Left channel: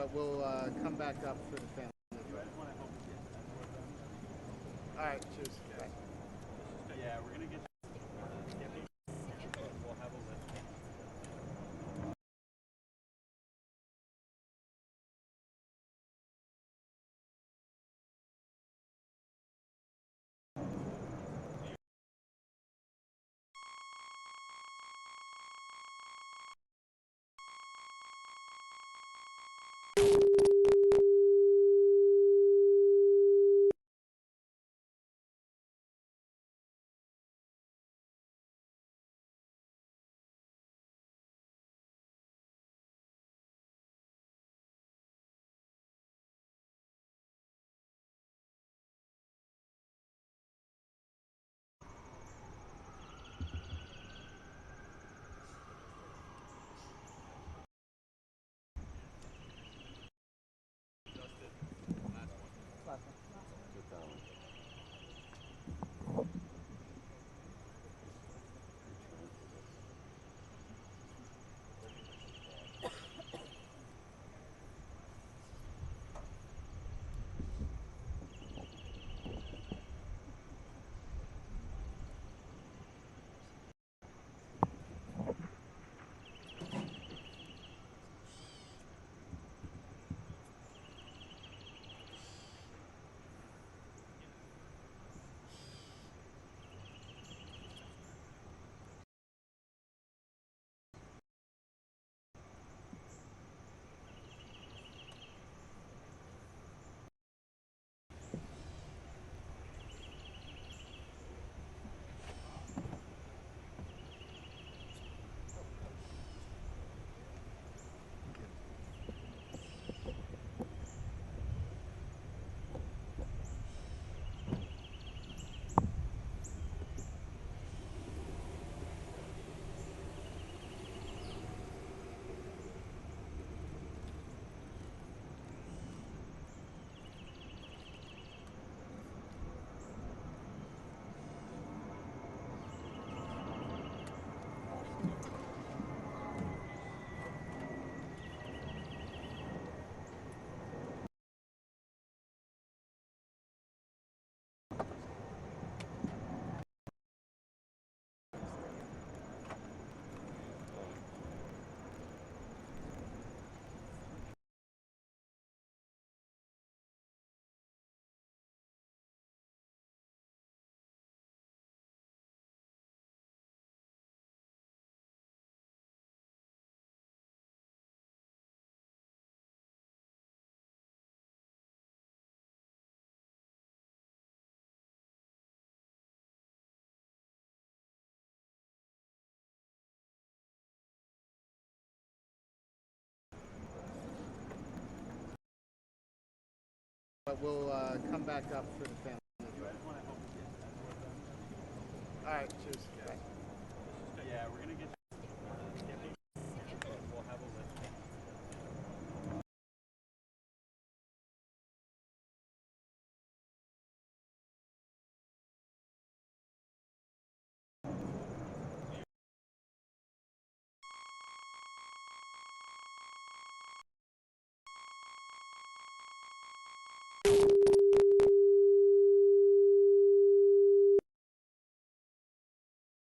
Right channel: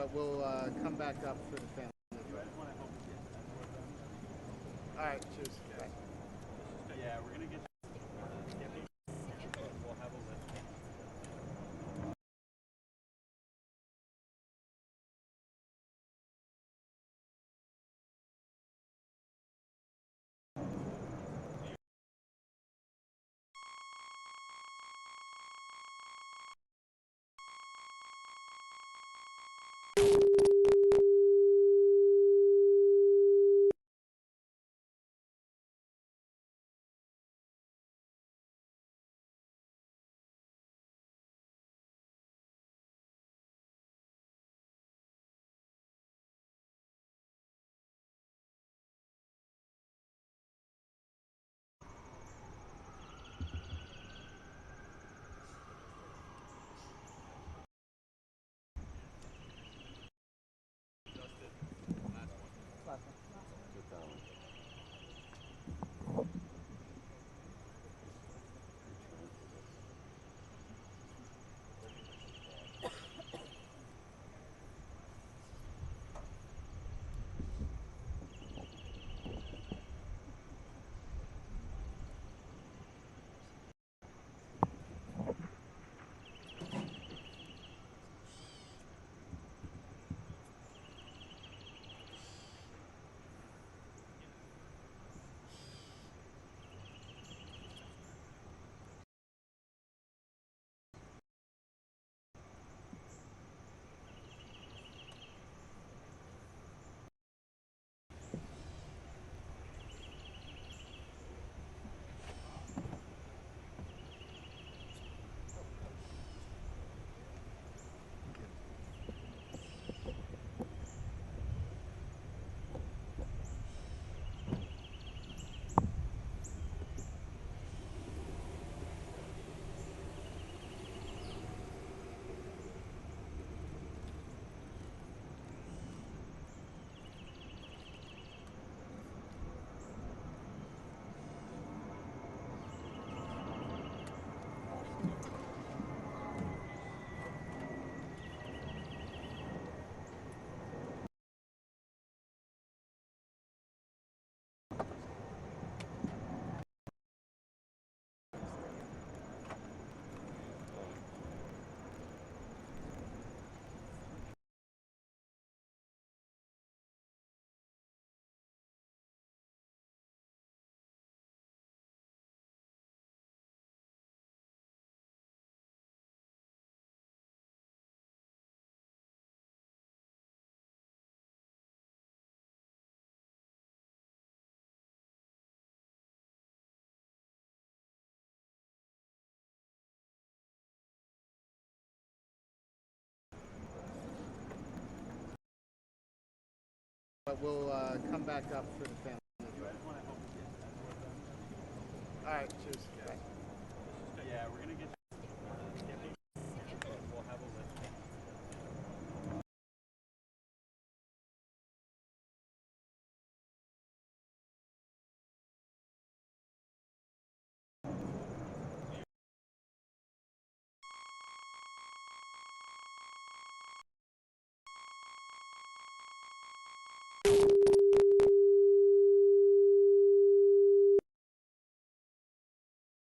But we'll come back up for the family. All right, cheers. Bye. Yeah, we're gonna get. We'll have a list. But we'll come back up for the family. All right, cheers. Bye. Yeah, we're gonna get.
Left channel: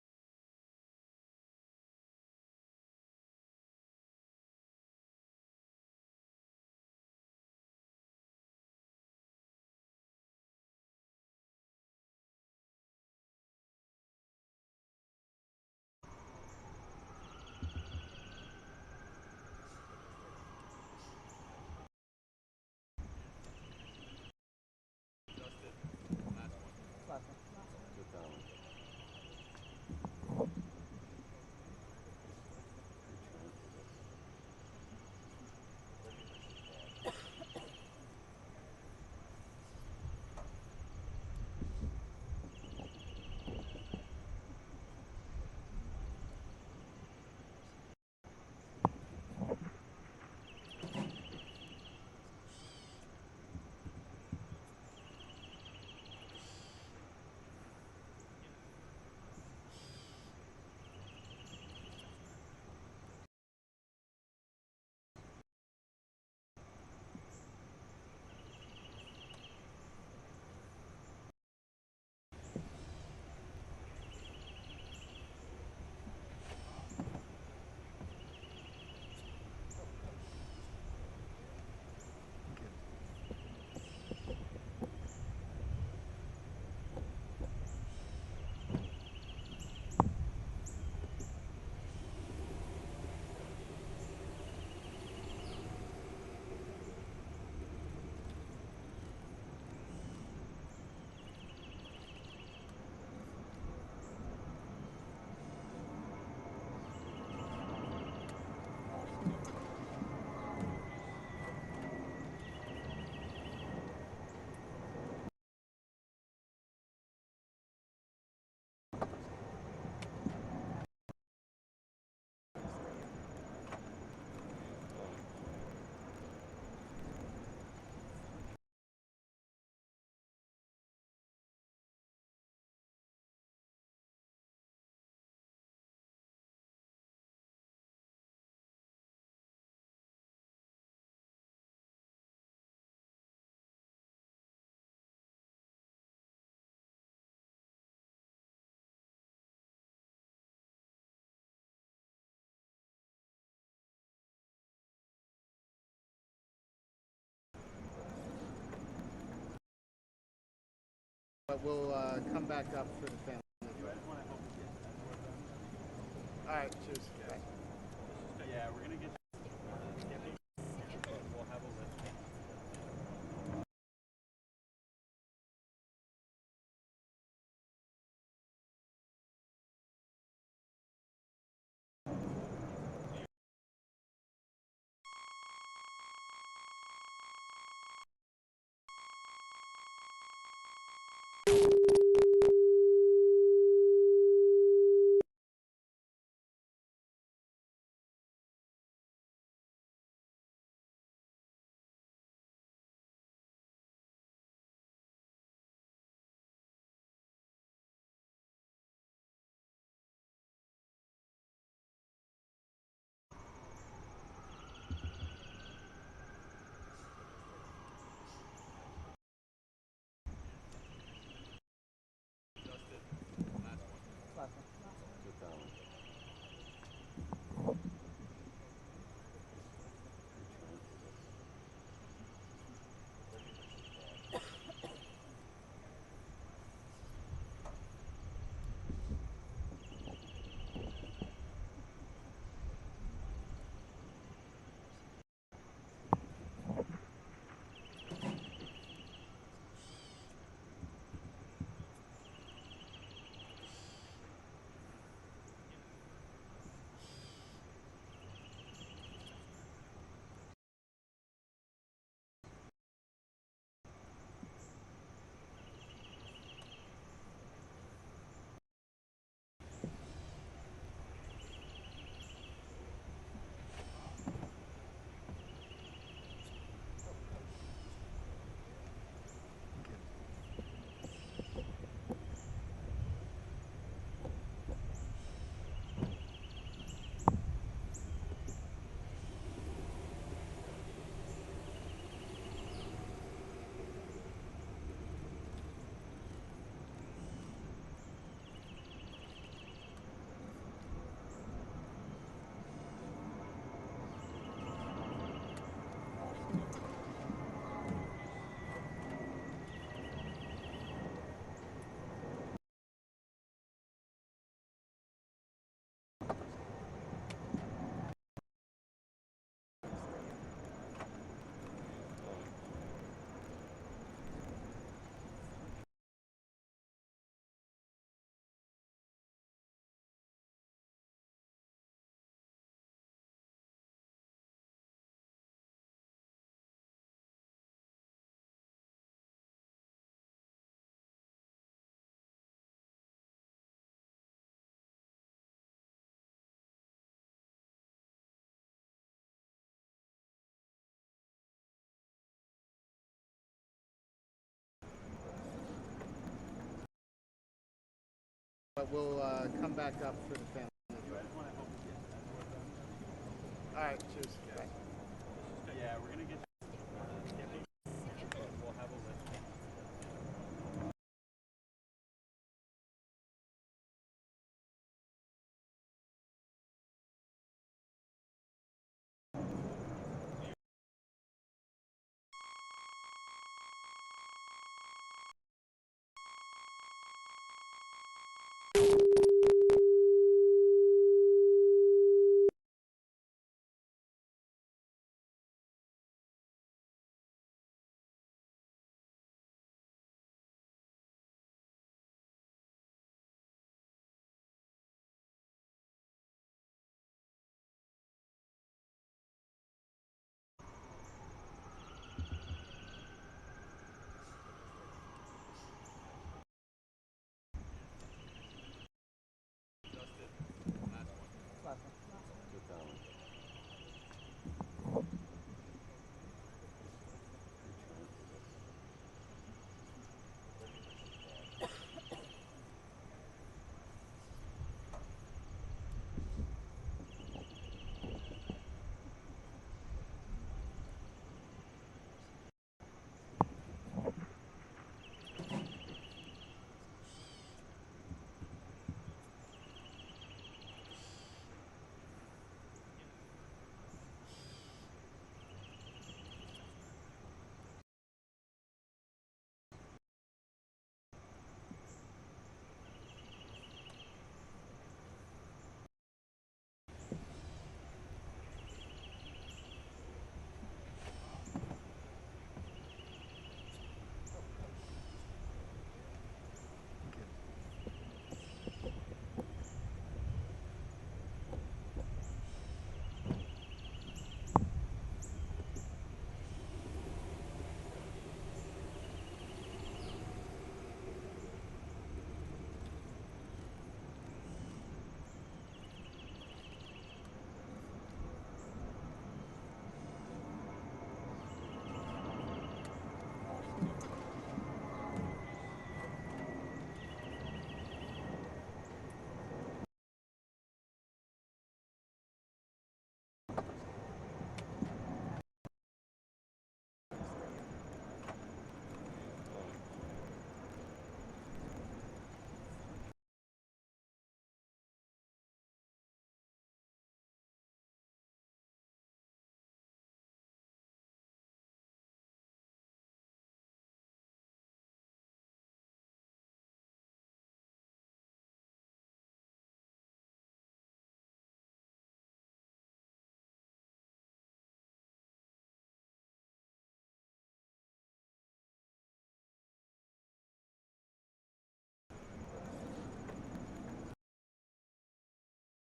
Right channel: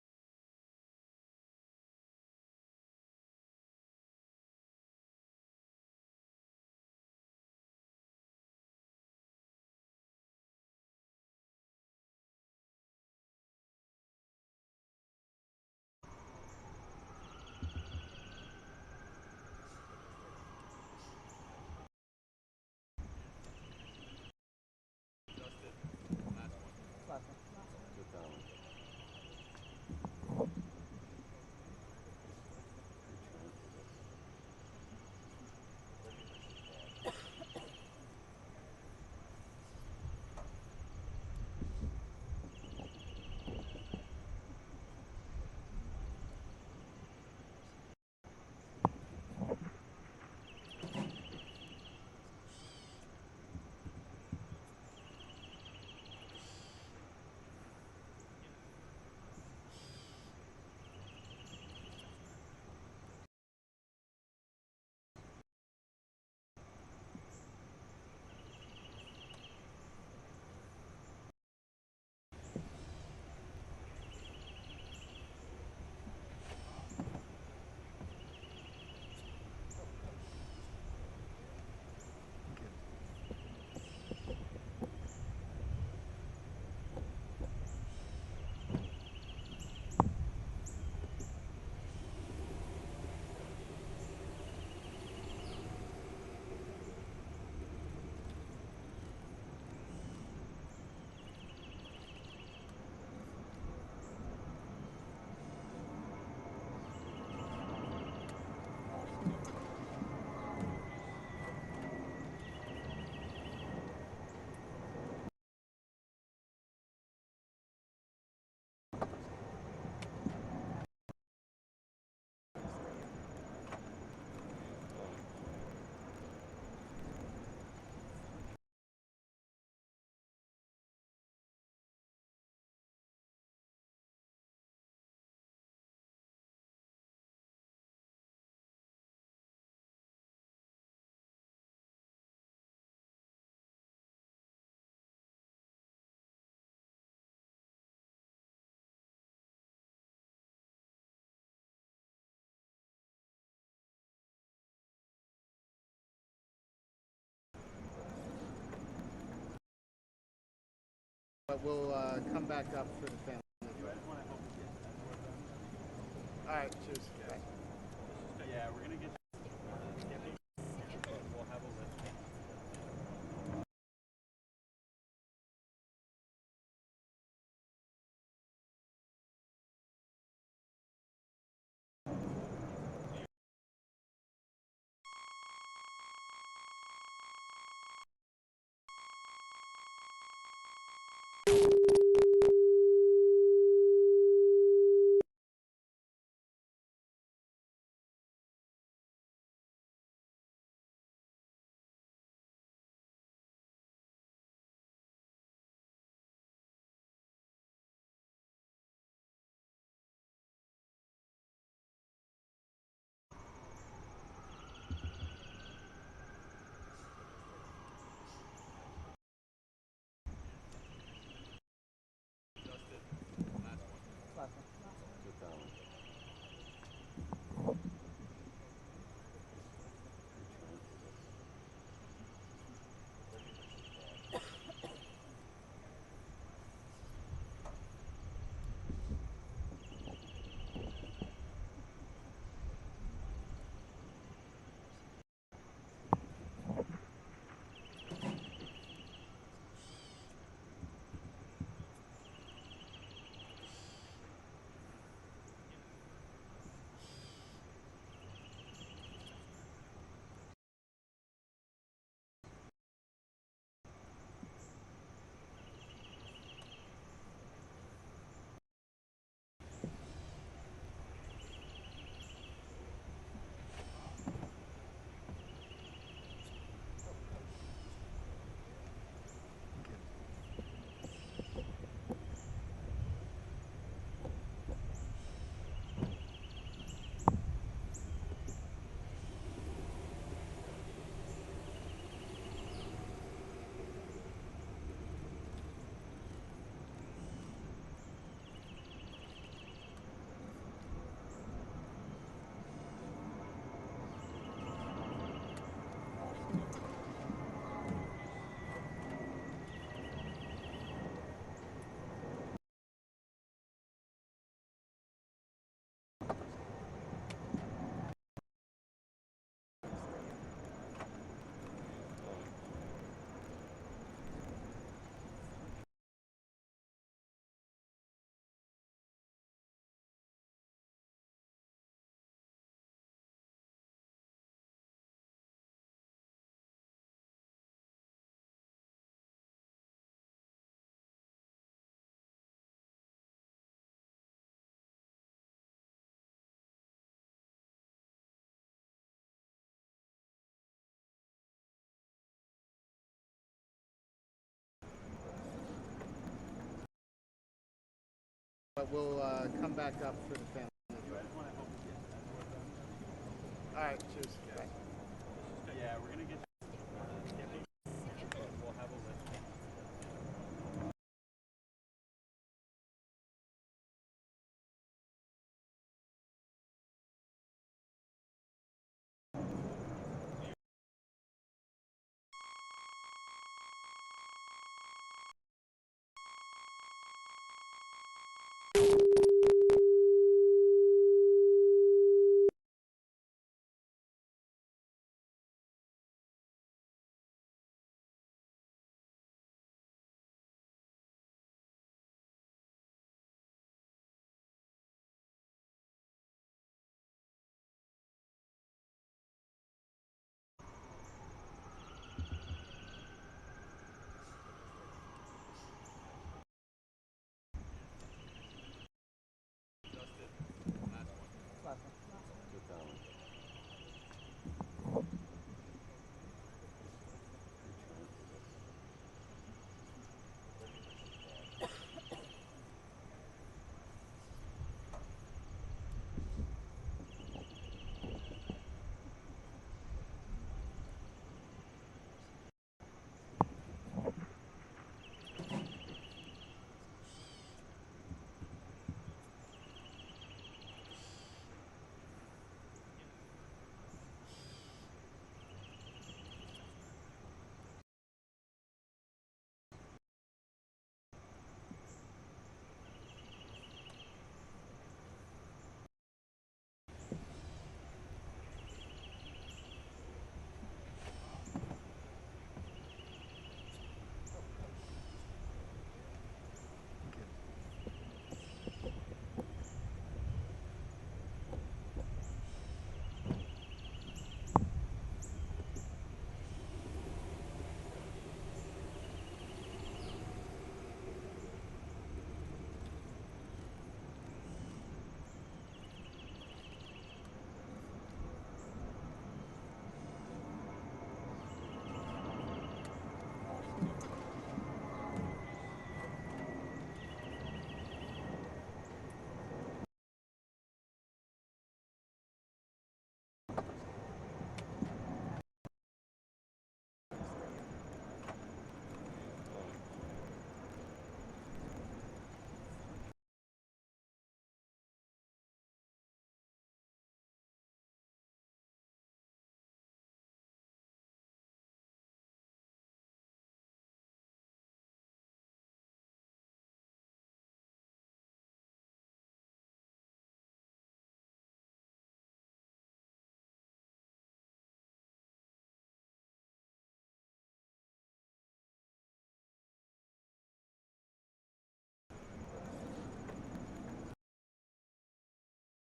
But we'll come back up for the family. I just want to help you get that work done. All right, cheers. Bye. Yeah, we're gonna get we'll have a list. But we'll come back up for the family. I just want to help you get that work done. All right, cheers. Bye. Yeah, we're gonna get we'll have a list.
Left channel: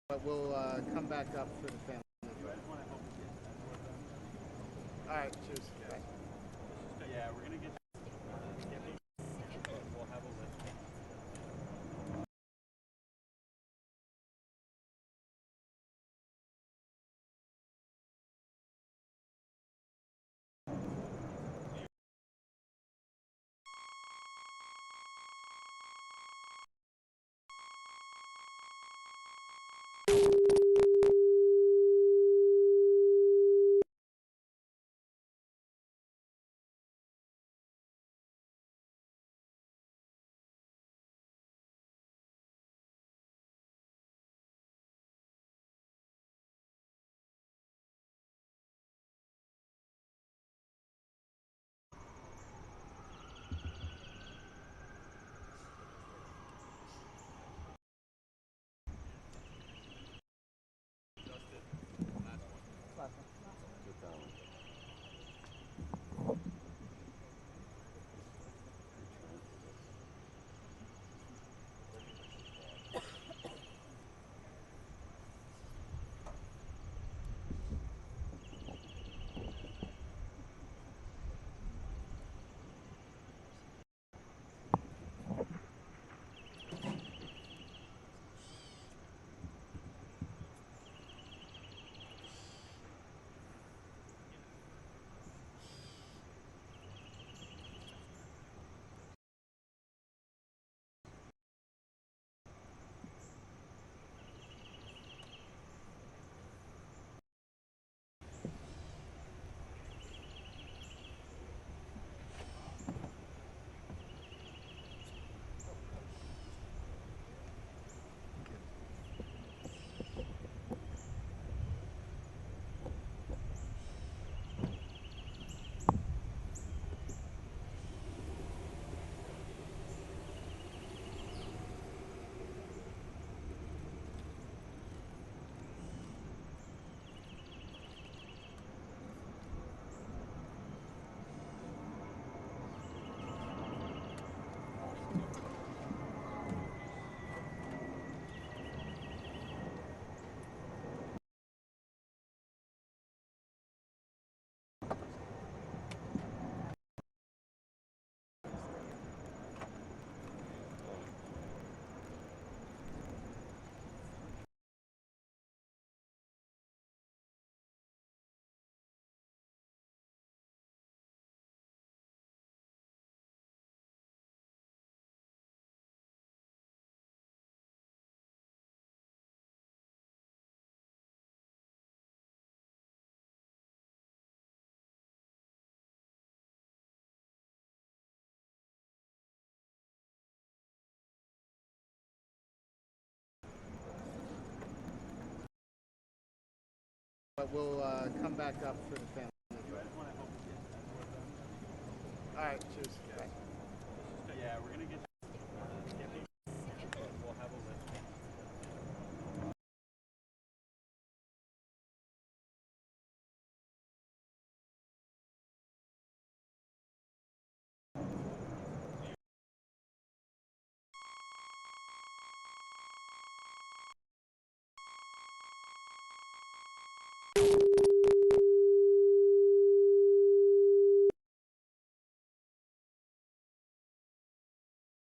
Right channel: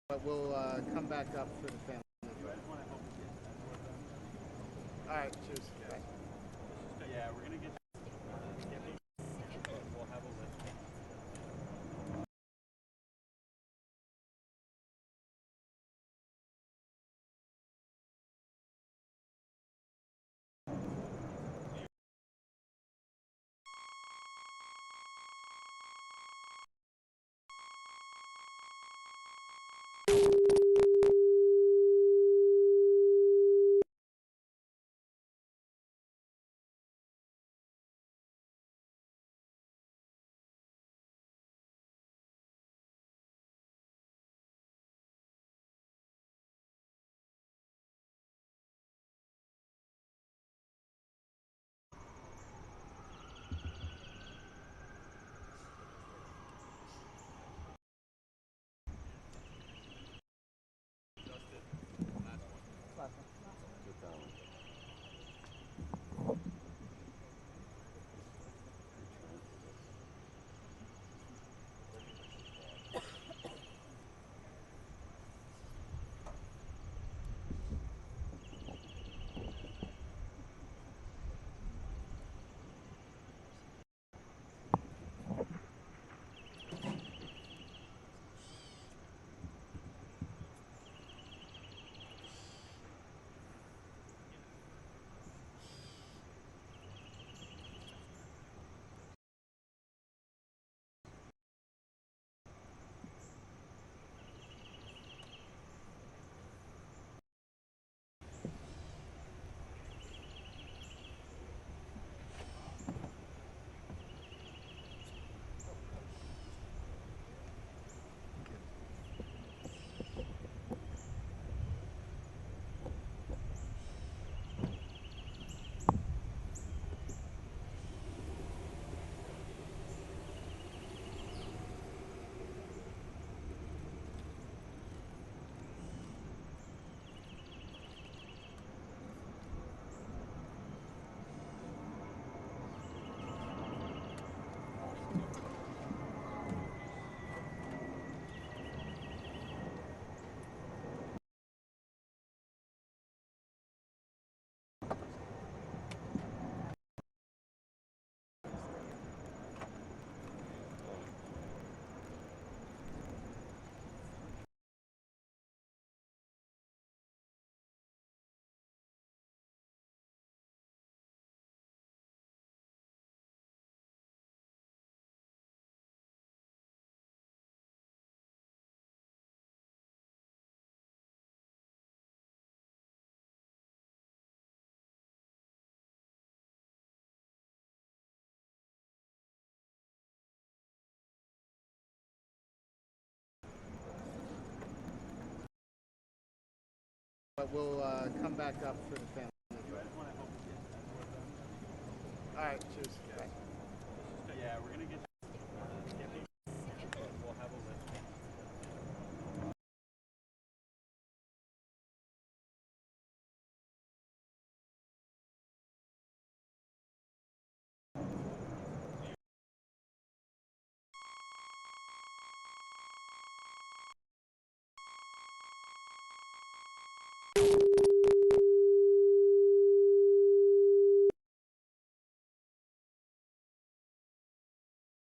But we'll come back up for the family. I just want to help you get that work done. All right, cheers. Bye. Yeah, we're gonna get. We'll have a list. But we'll come back up for the family. I just want to help you get that work done. All right, cheers. Bye. Yeah, we're gonna get. We'll have a list.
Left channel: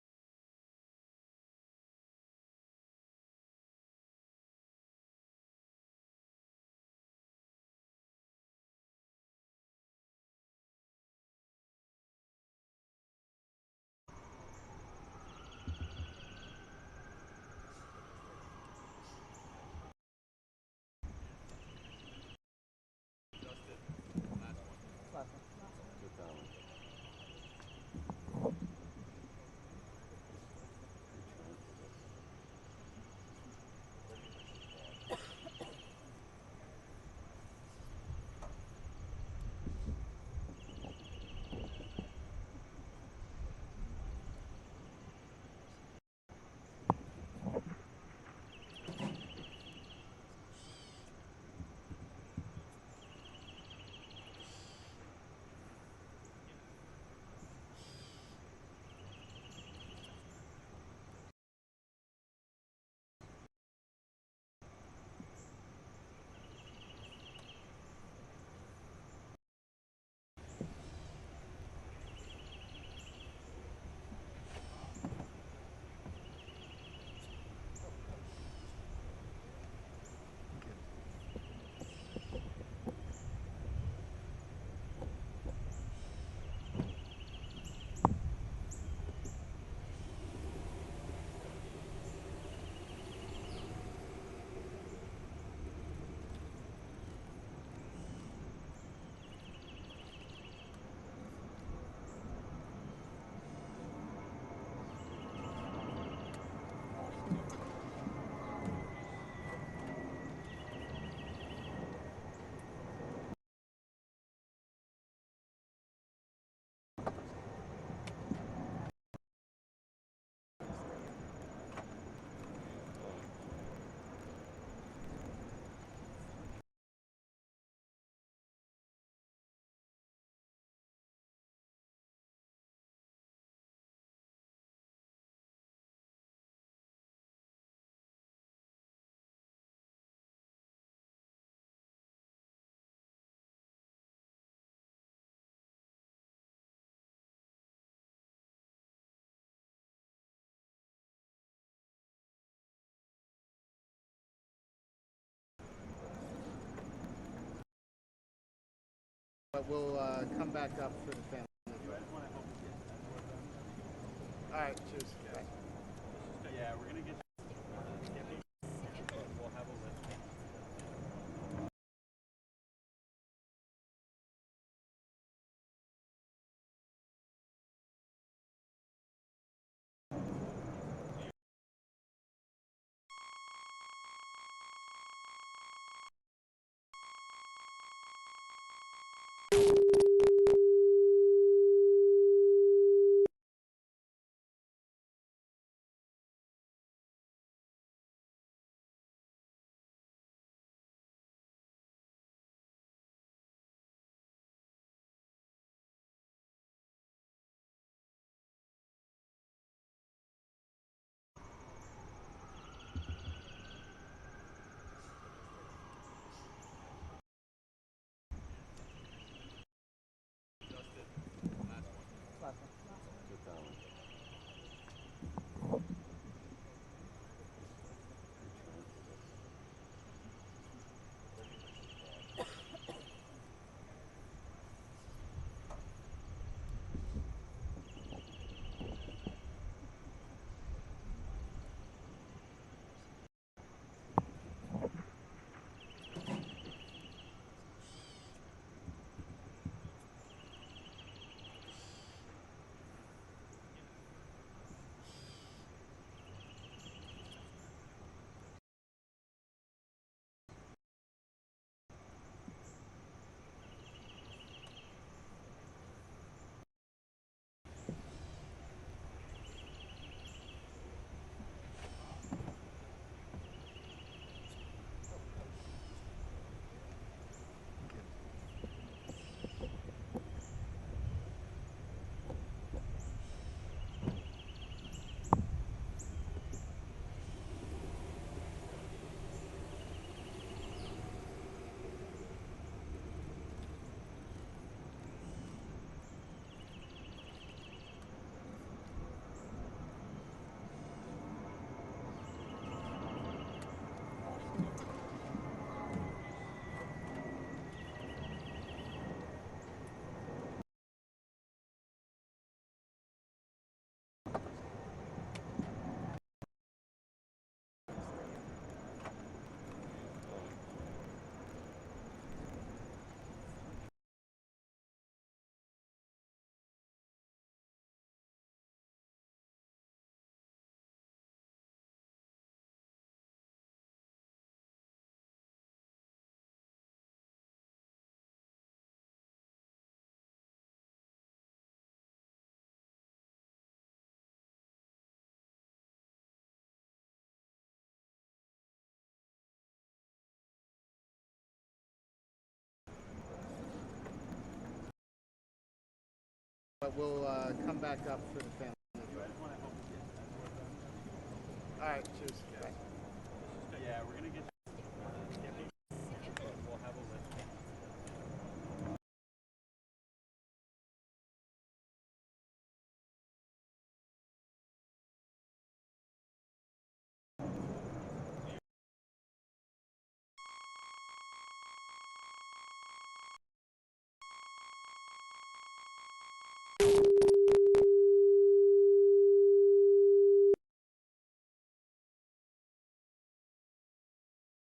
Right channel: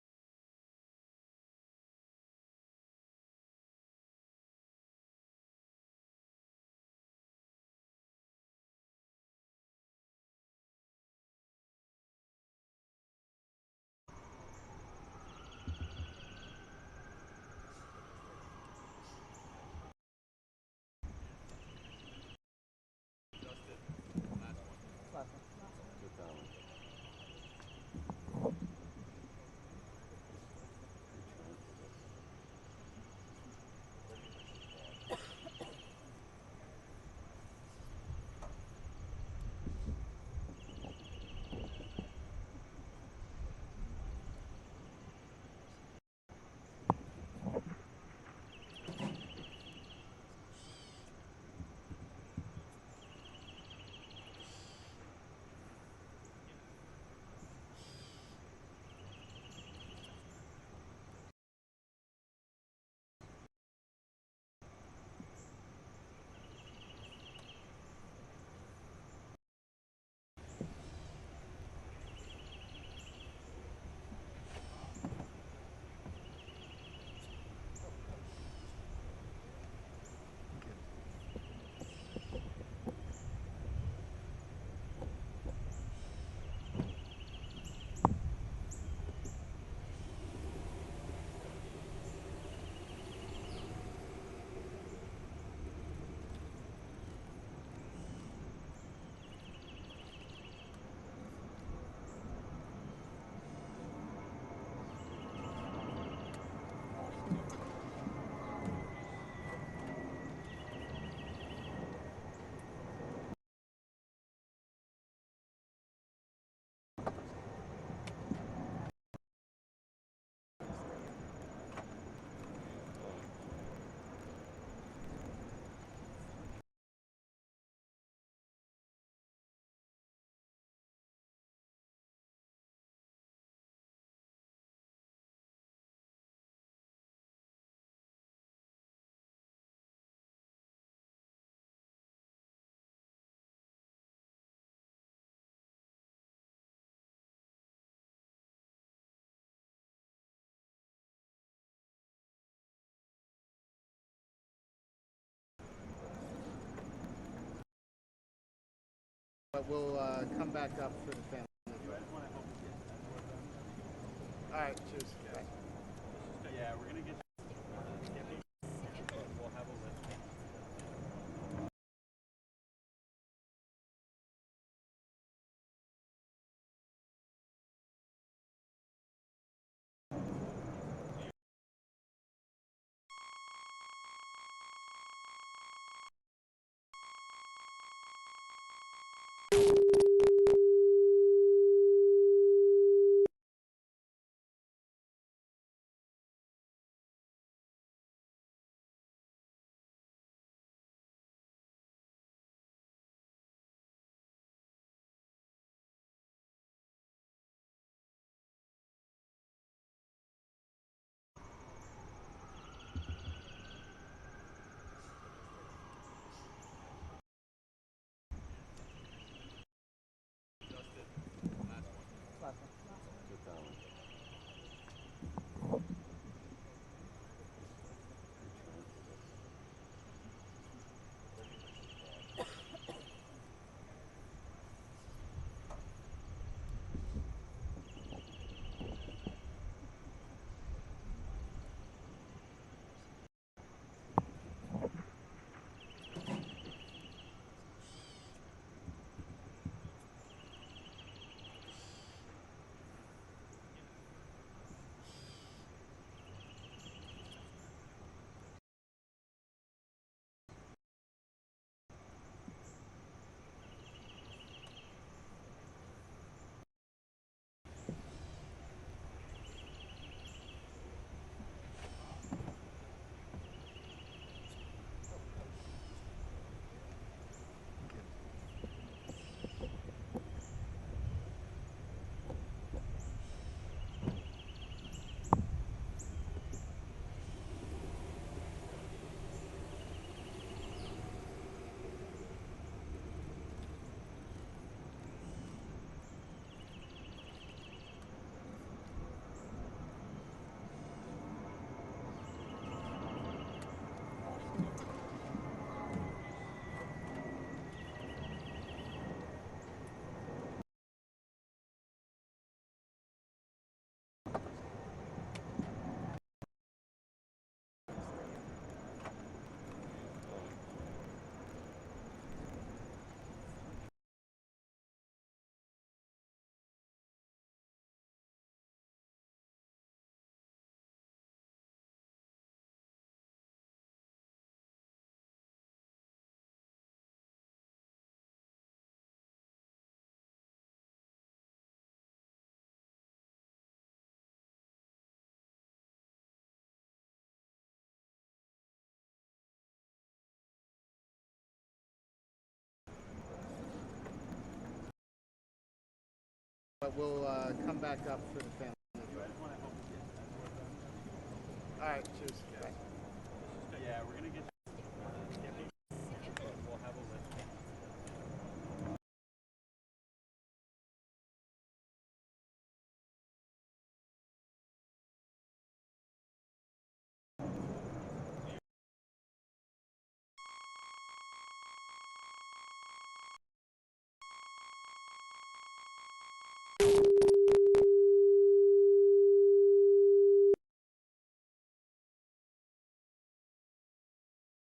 but we'll come back up for the family. You guys want to help us get that door done? All right, cheers. Bye. Yeah, we're gonna get me. We'll have a list. But we'll come back up for the family. You guys want to help us get that door done? All right, cheers. Bye. Yeah, we're gonna get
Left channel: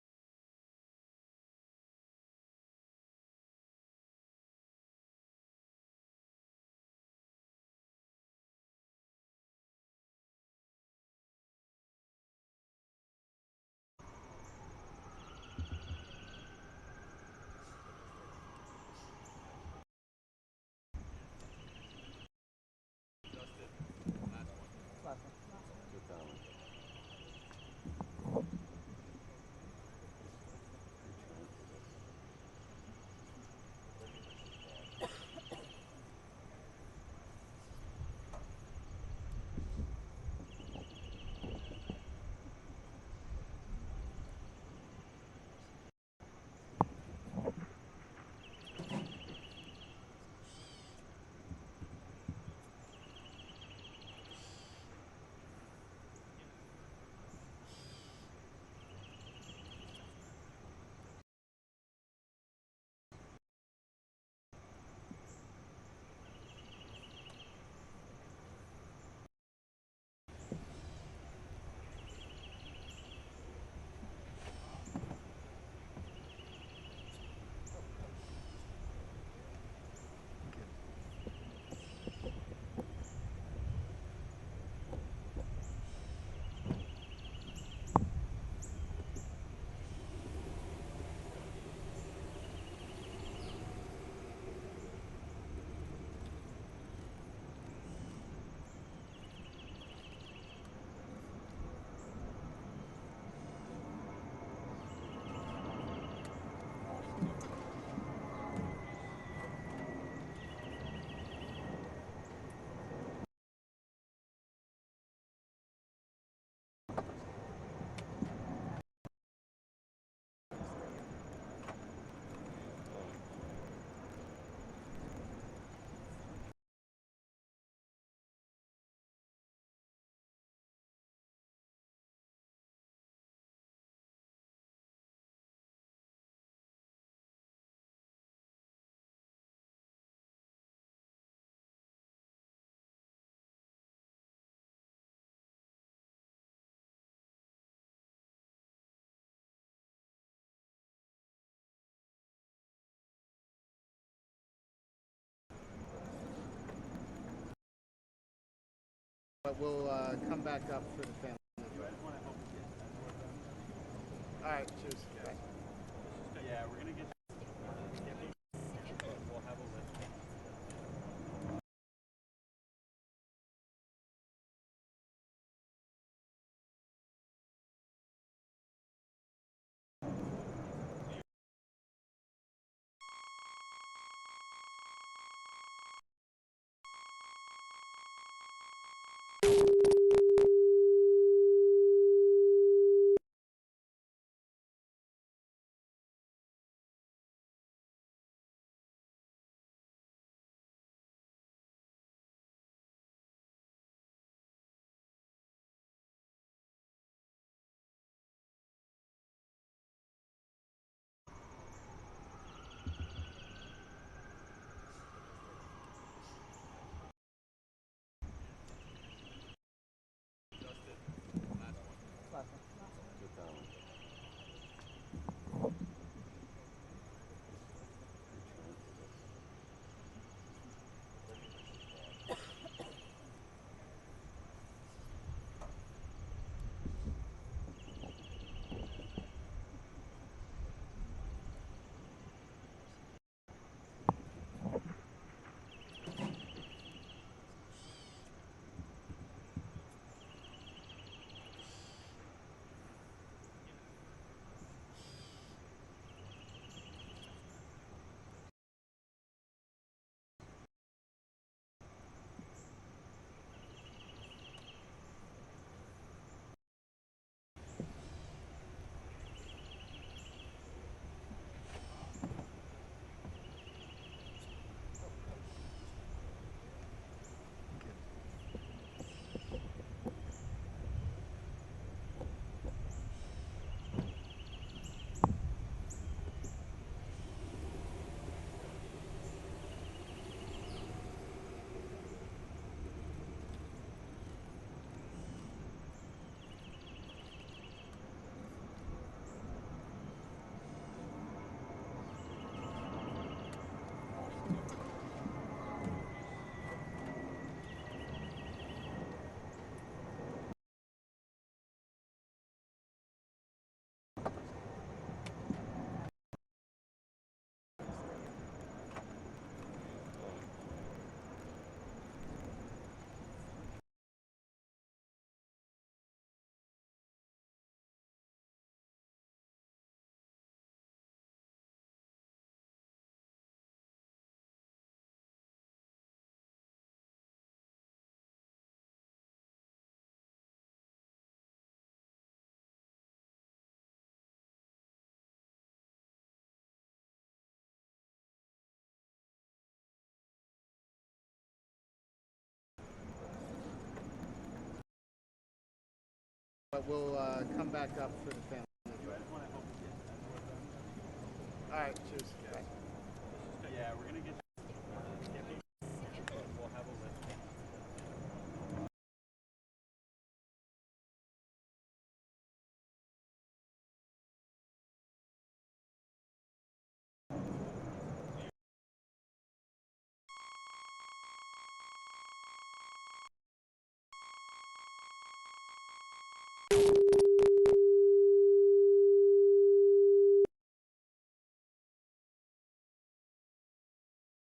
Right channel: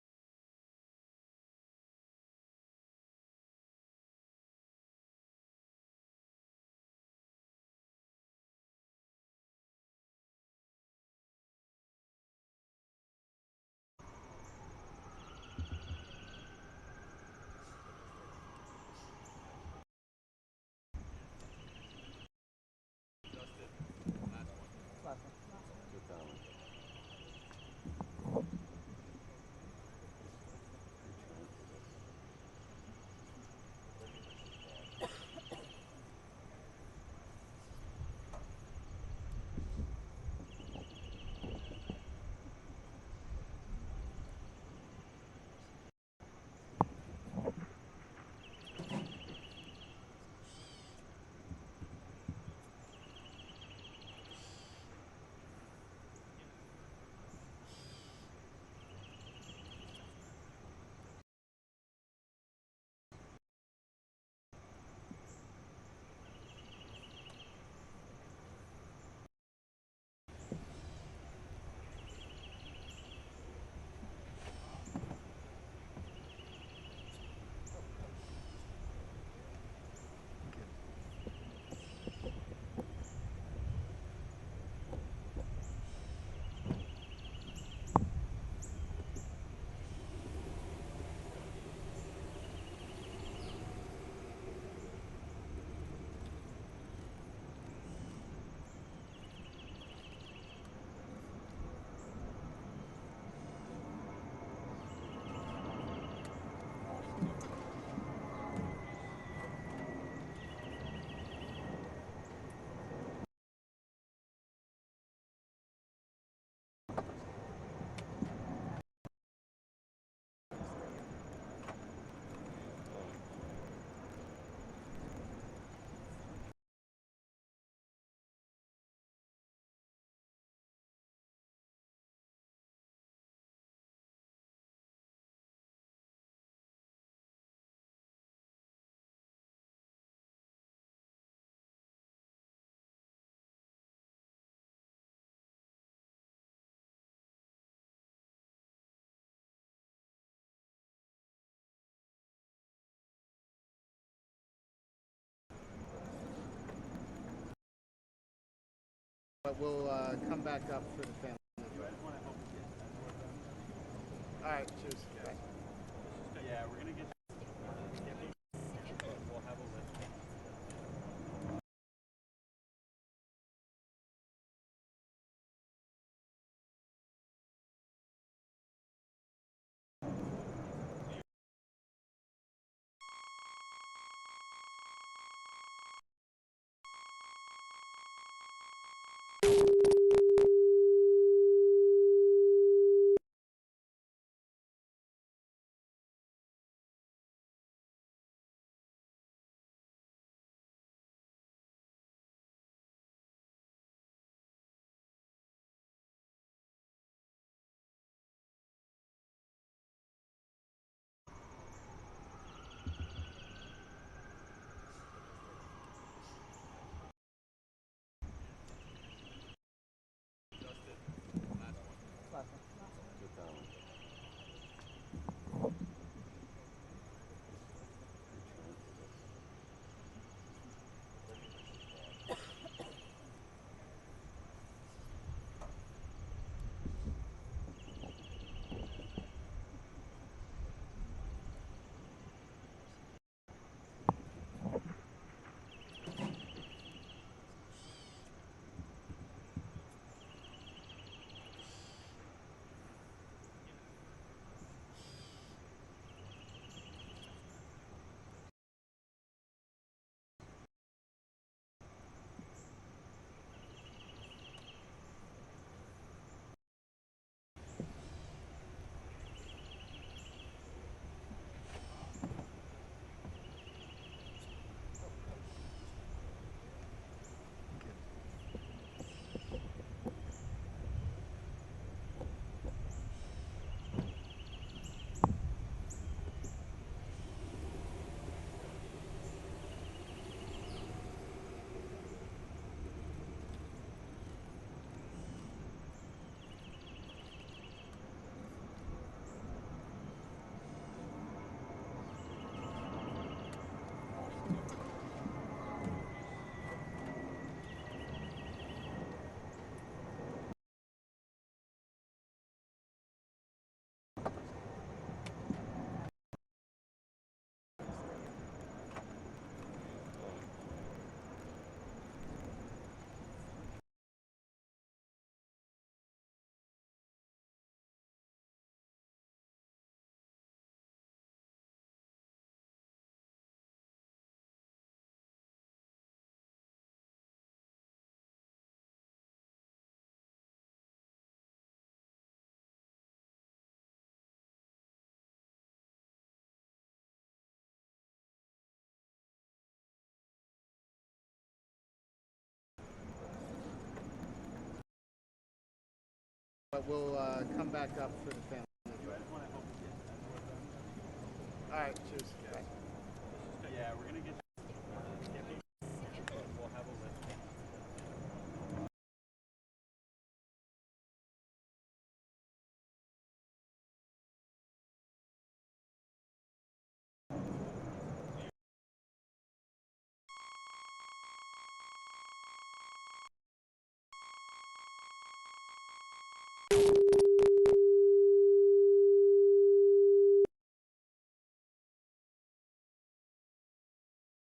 But we'll come back up for the family. I just want to help you get that work done. All right, cheers. Bye. Yeah, we're gonna get but we'll have a list. But we'll come back up for the family. I just want to help you get that work done. All right, cheers. Bye. Yeah, we're gonna get but we'll have a list.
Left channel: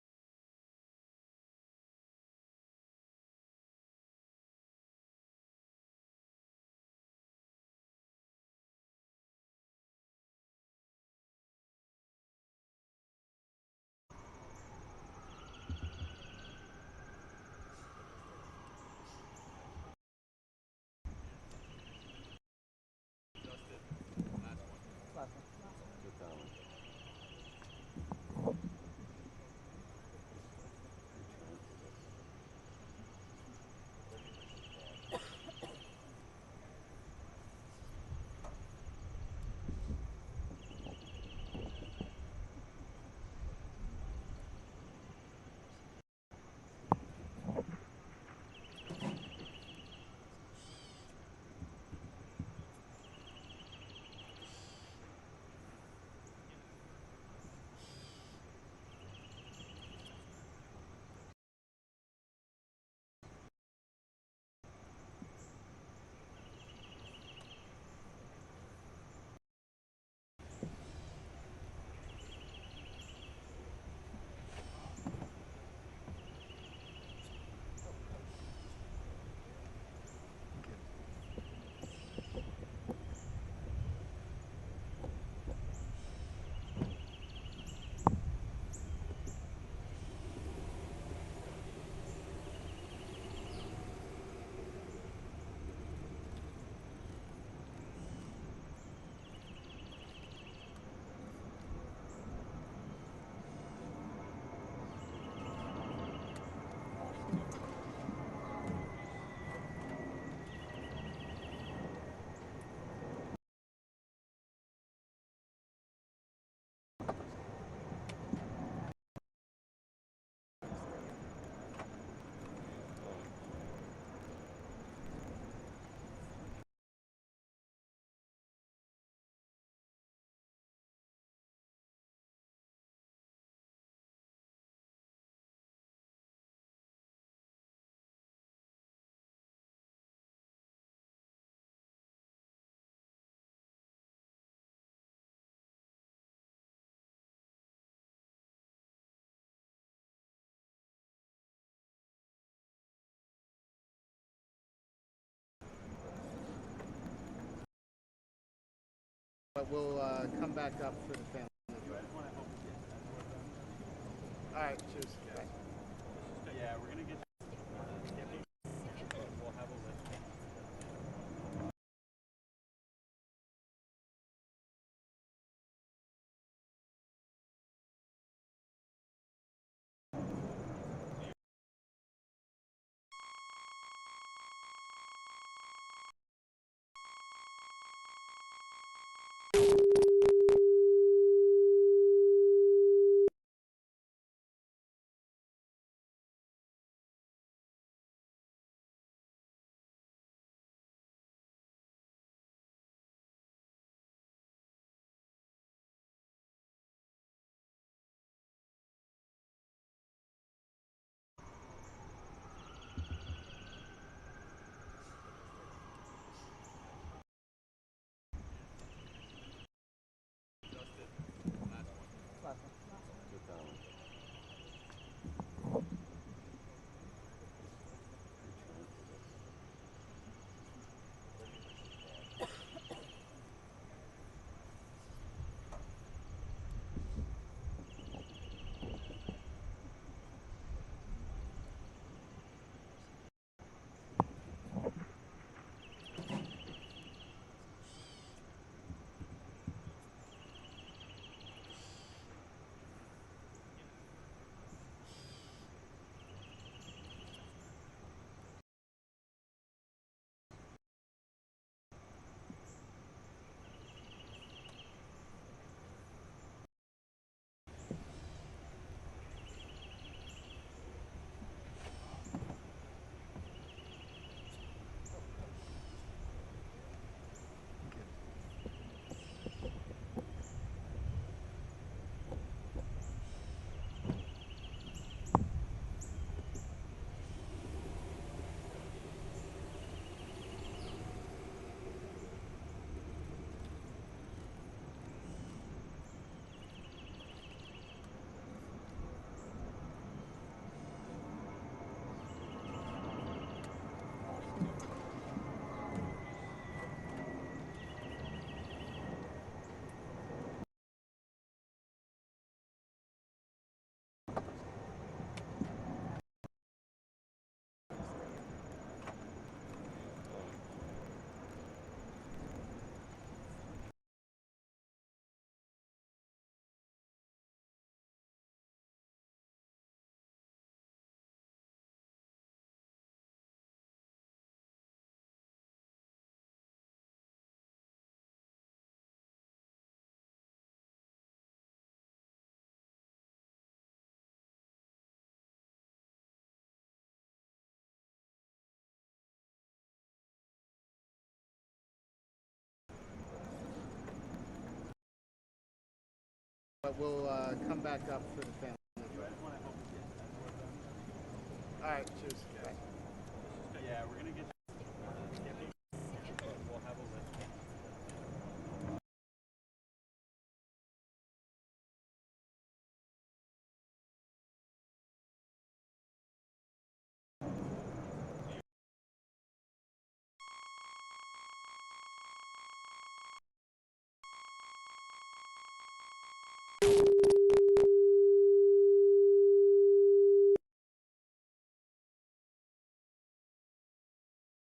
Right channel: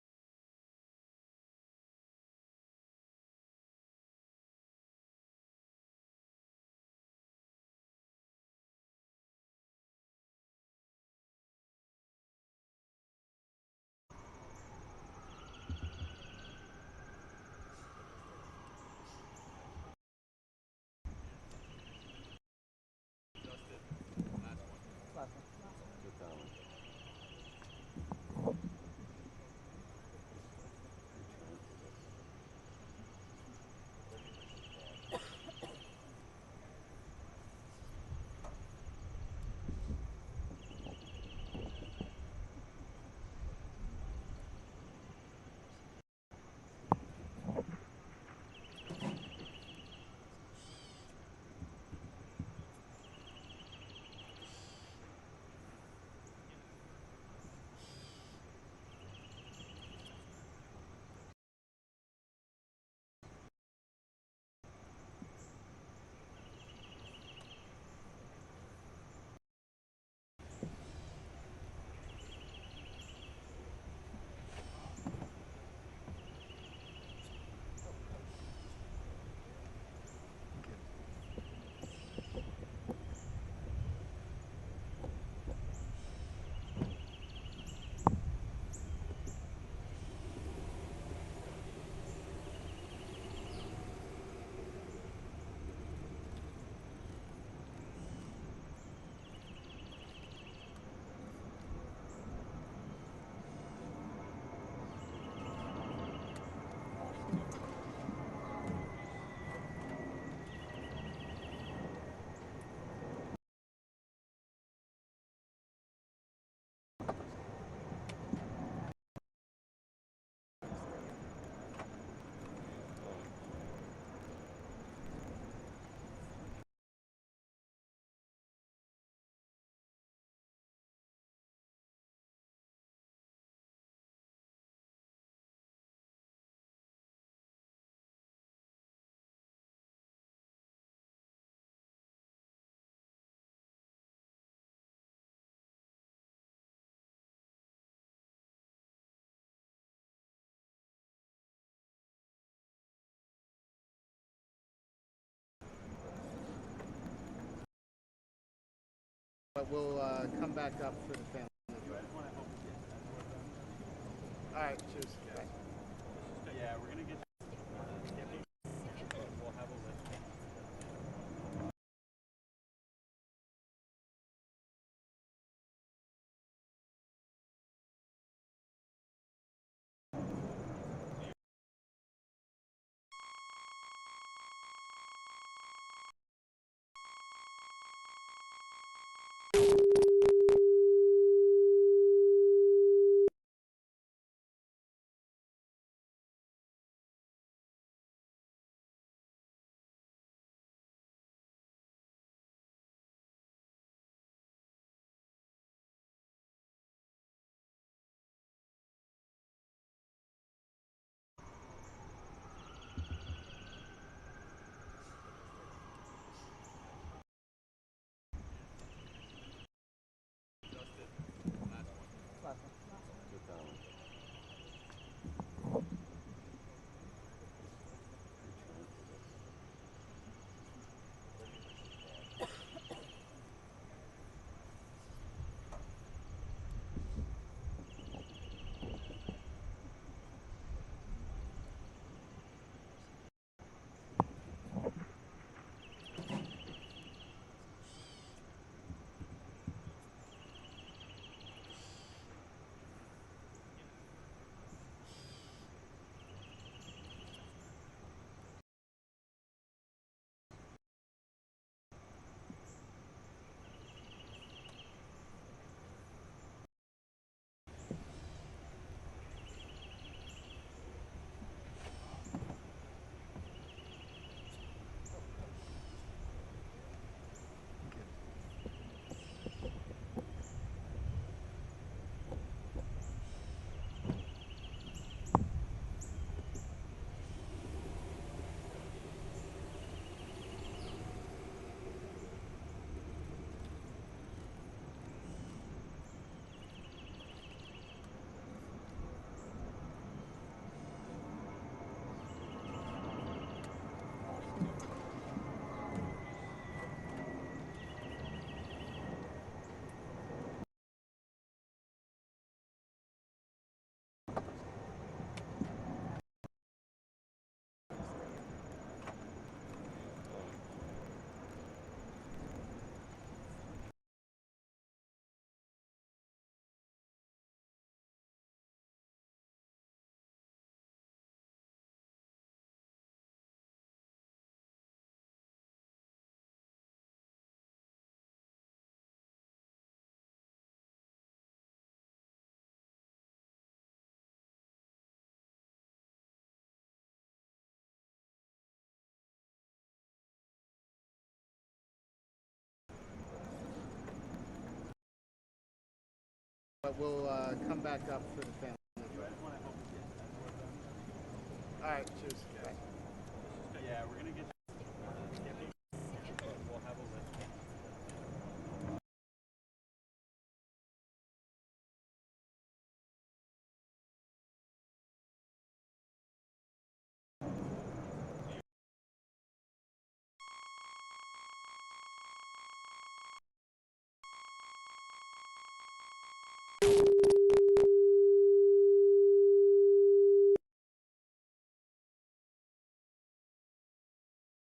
But we'll come back up for the family. You guys want to help me get that work done? All right, cheers. Yeah. Yeah, we're gonna get we'll have a list. But we'll come back up for the family. You guys want to help me get that work done? All right, cheers. Yeah, we're gonna get we'll have a list.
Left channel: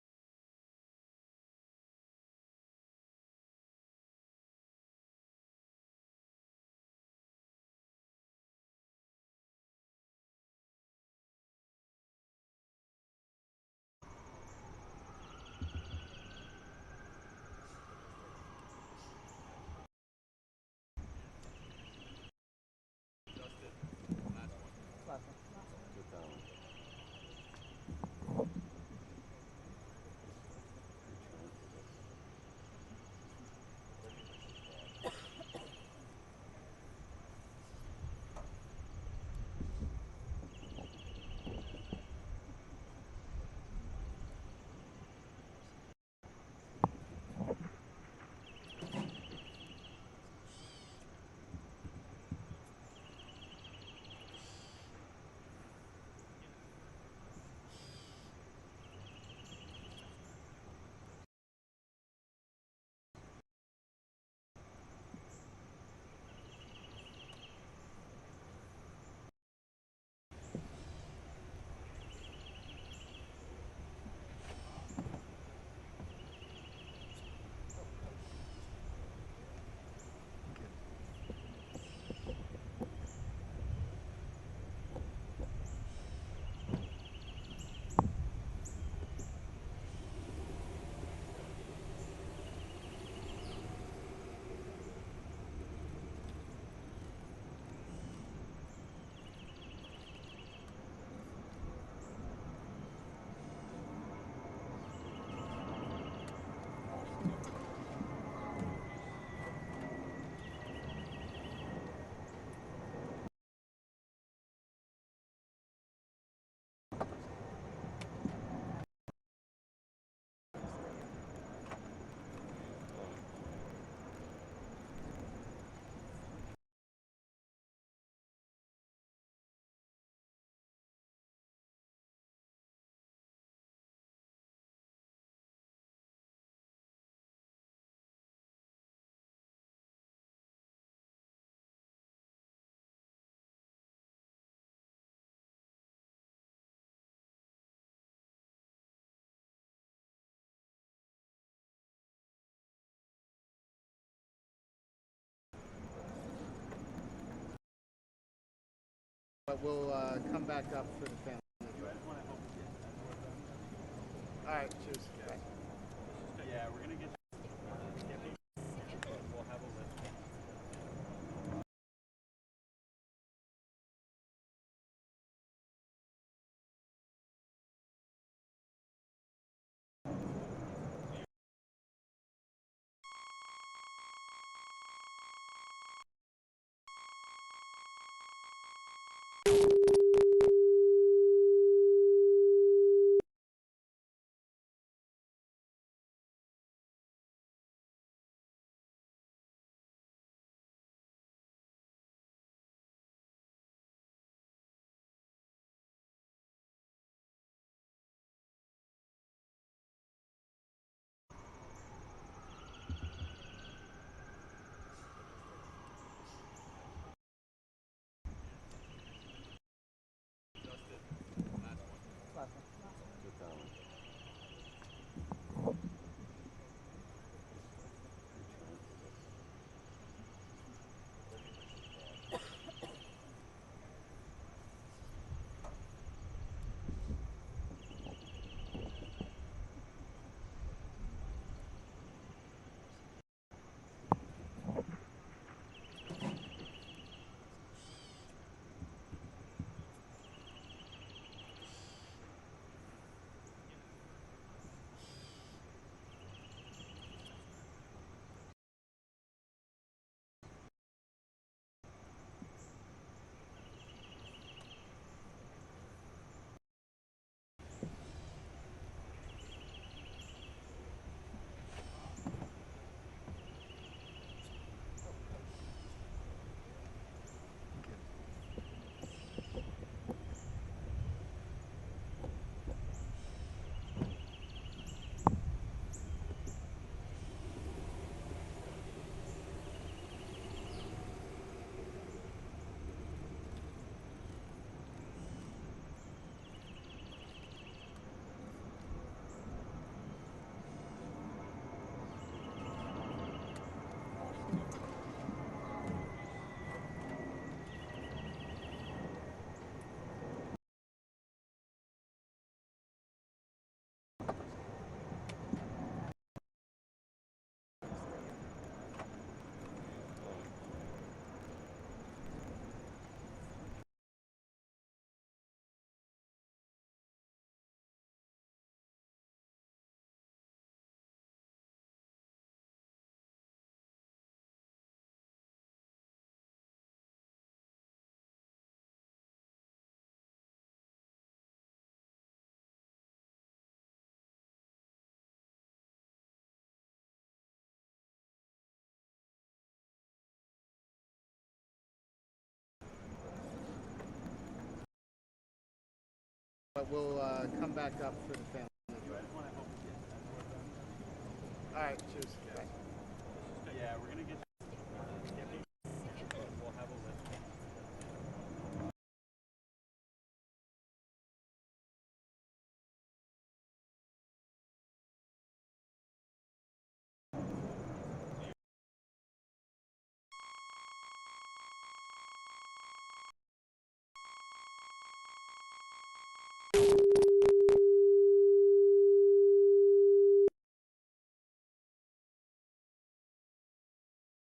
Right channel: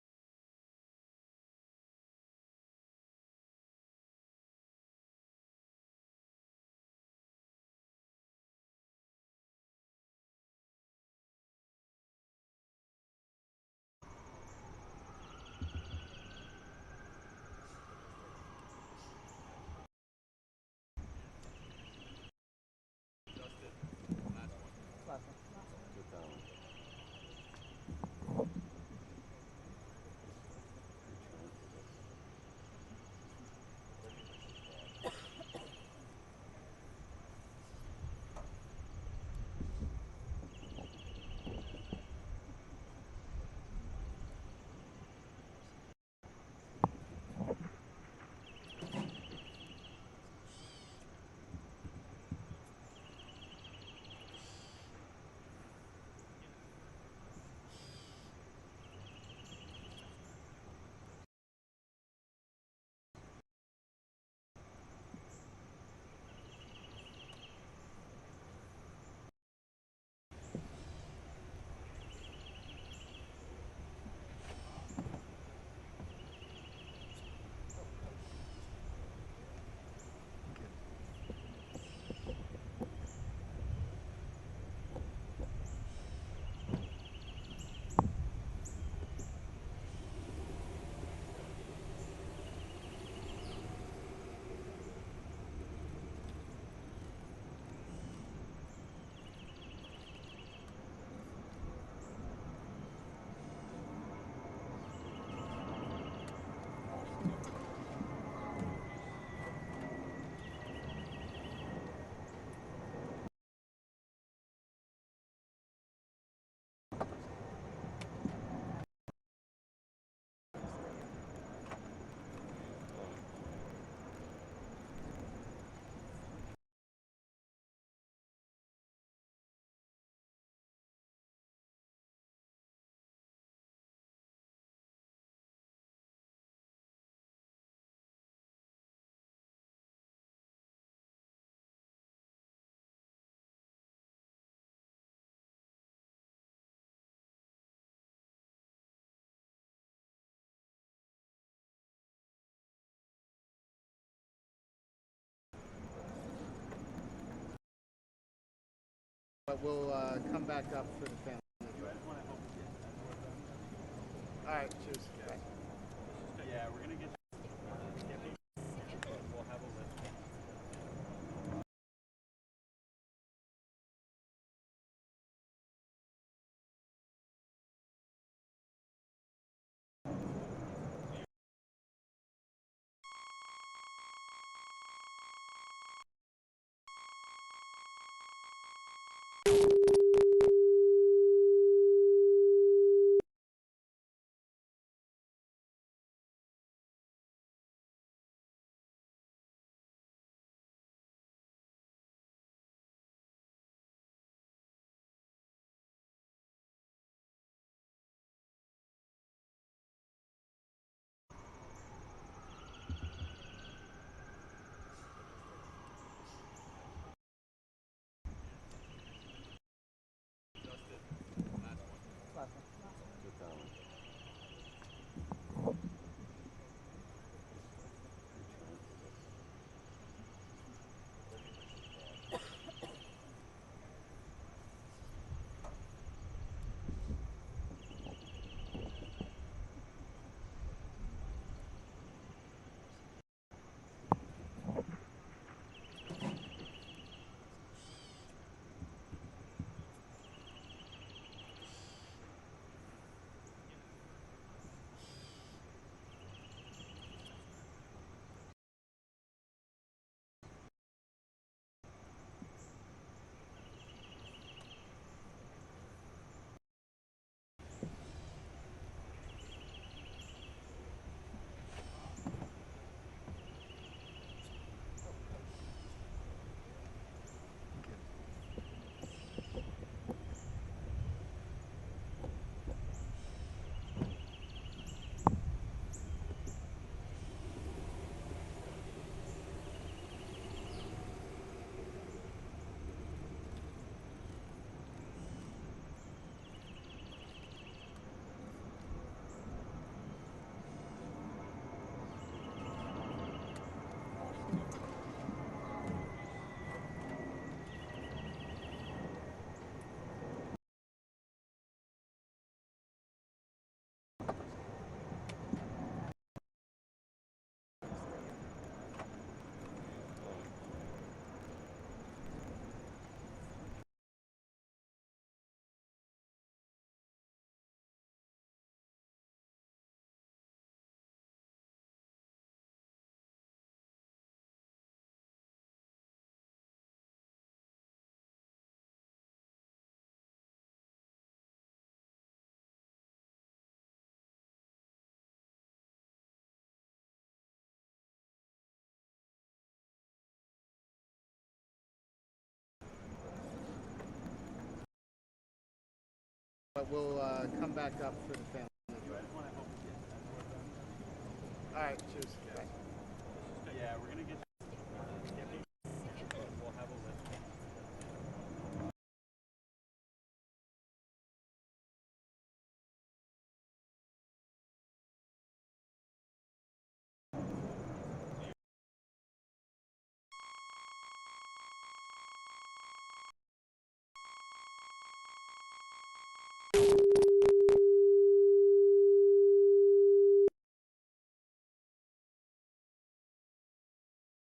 But we'll come back up for the family. You guys want to help us get that door done? All right, cheers. Bye. Yeah, we're gonna get skipping, but we'll have a list. But we'll come back up for the family. You guys want to help us get that door done? All right, cheers. Bye. Yeah, we're gonna get skipping, but we'll have a list.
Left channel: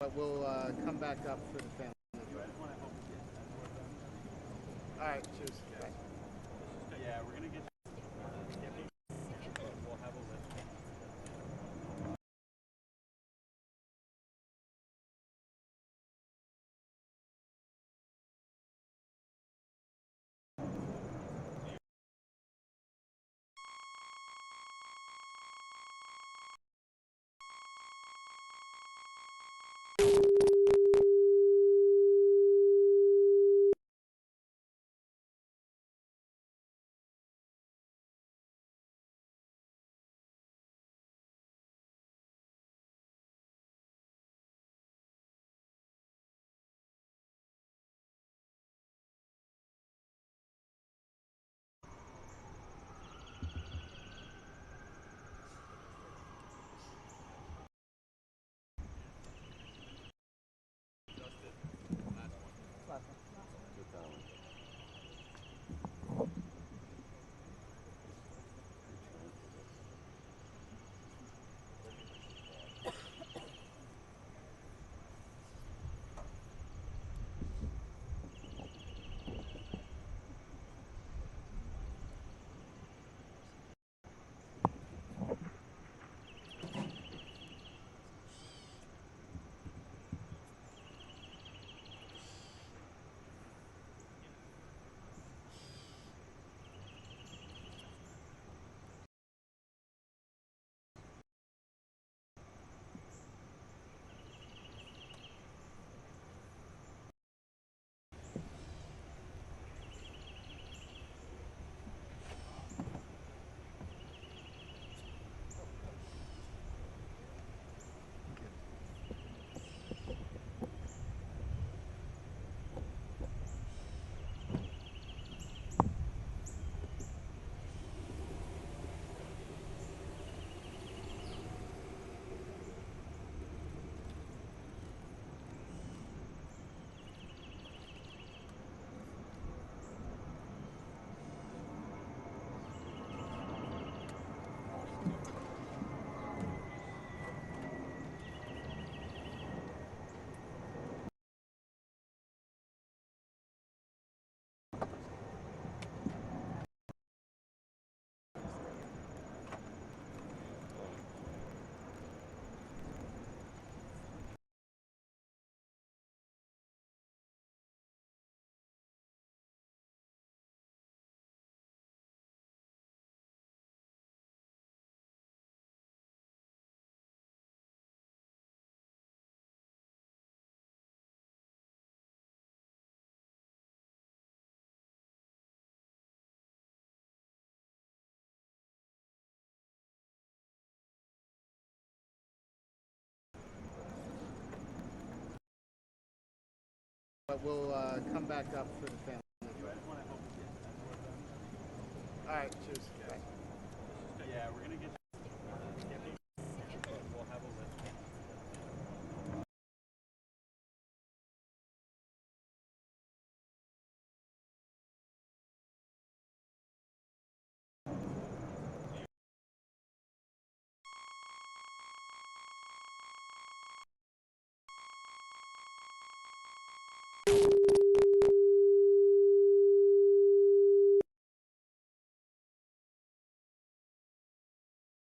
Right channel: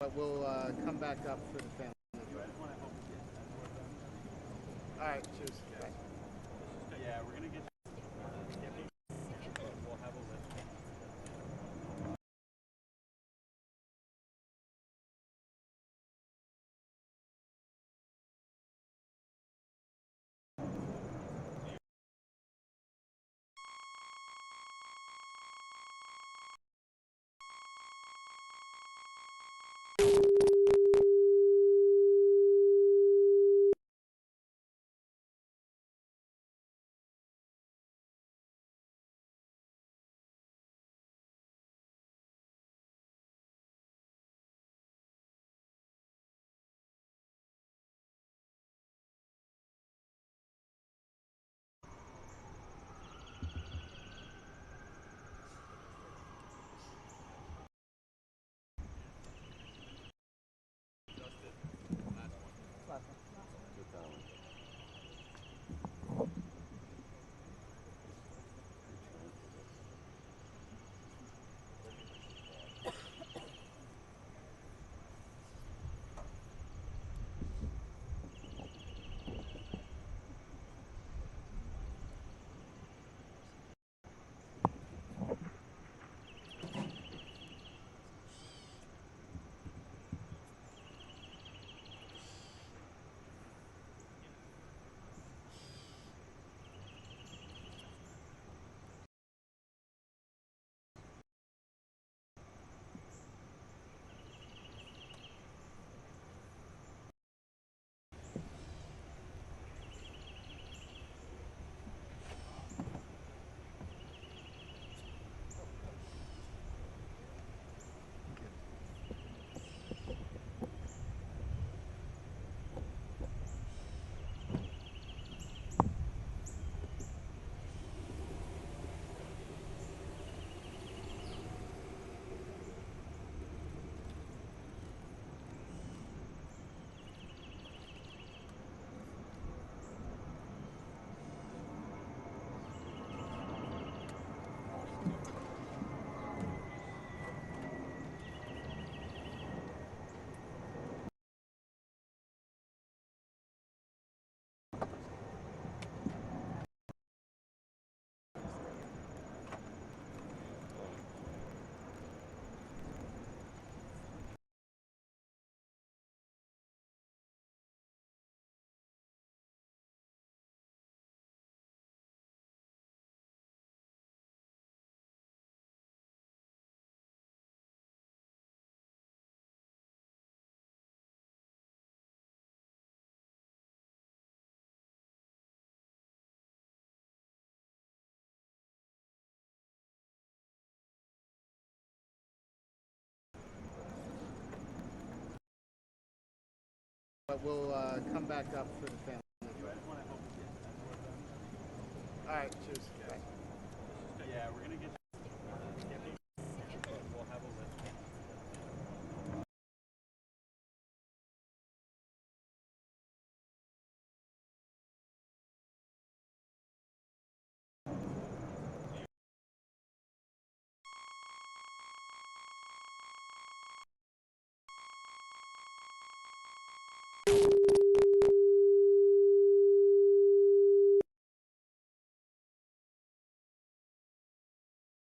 But we'll come back up for the family. I just want to help you get that work done. All right, cheers. Bye. Yeah, we're gonna get skipping, but we'll have a list. But we'll come back up for the family. I just want to help you get that work done. All right, cheers. Bye. Yeah, we're gonna get skipping, but we'll have a list.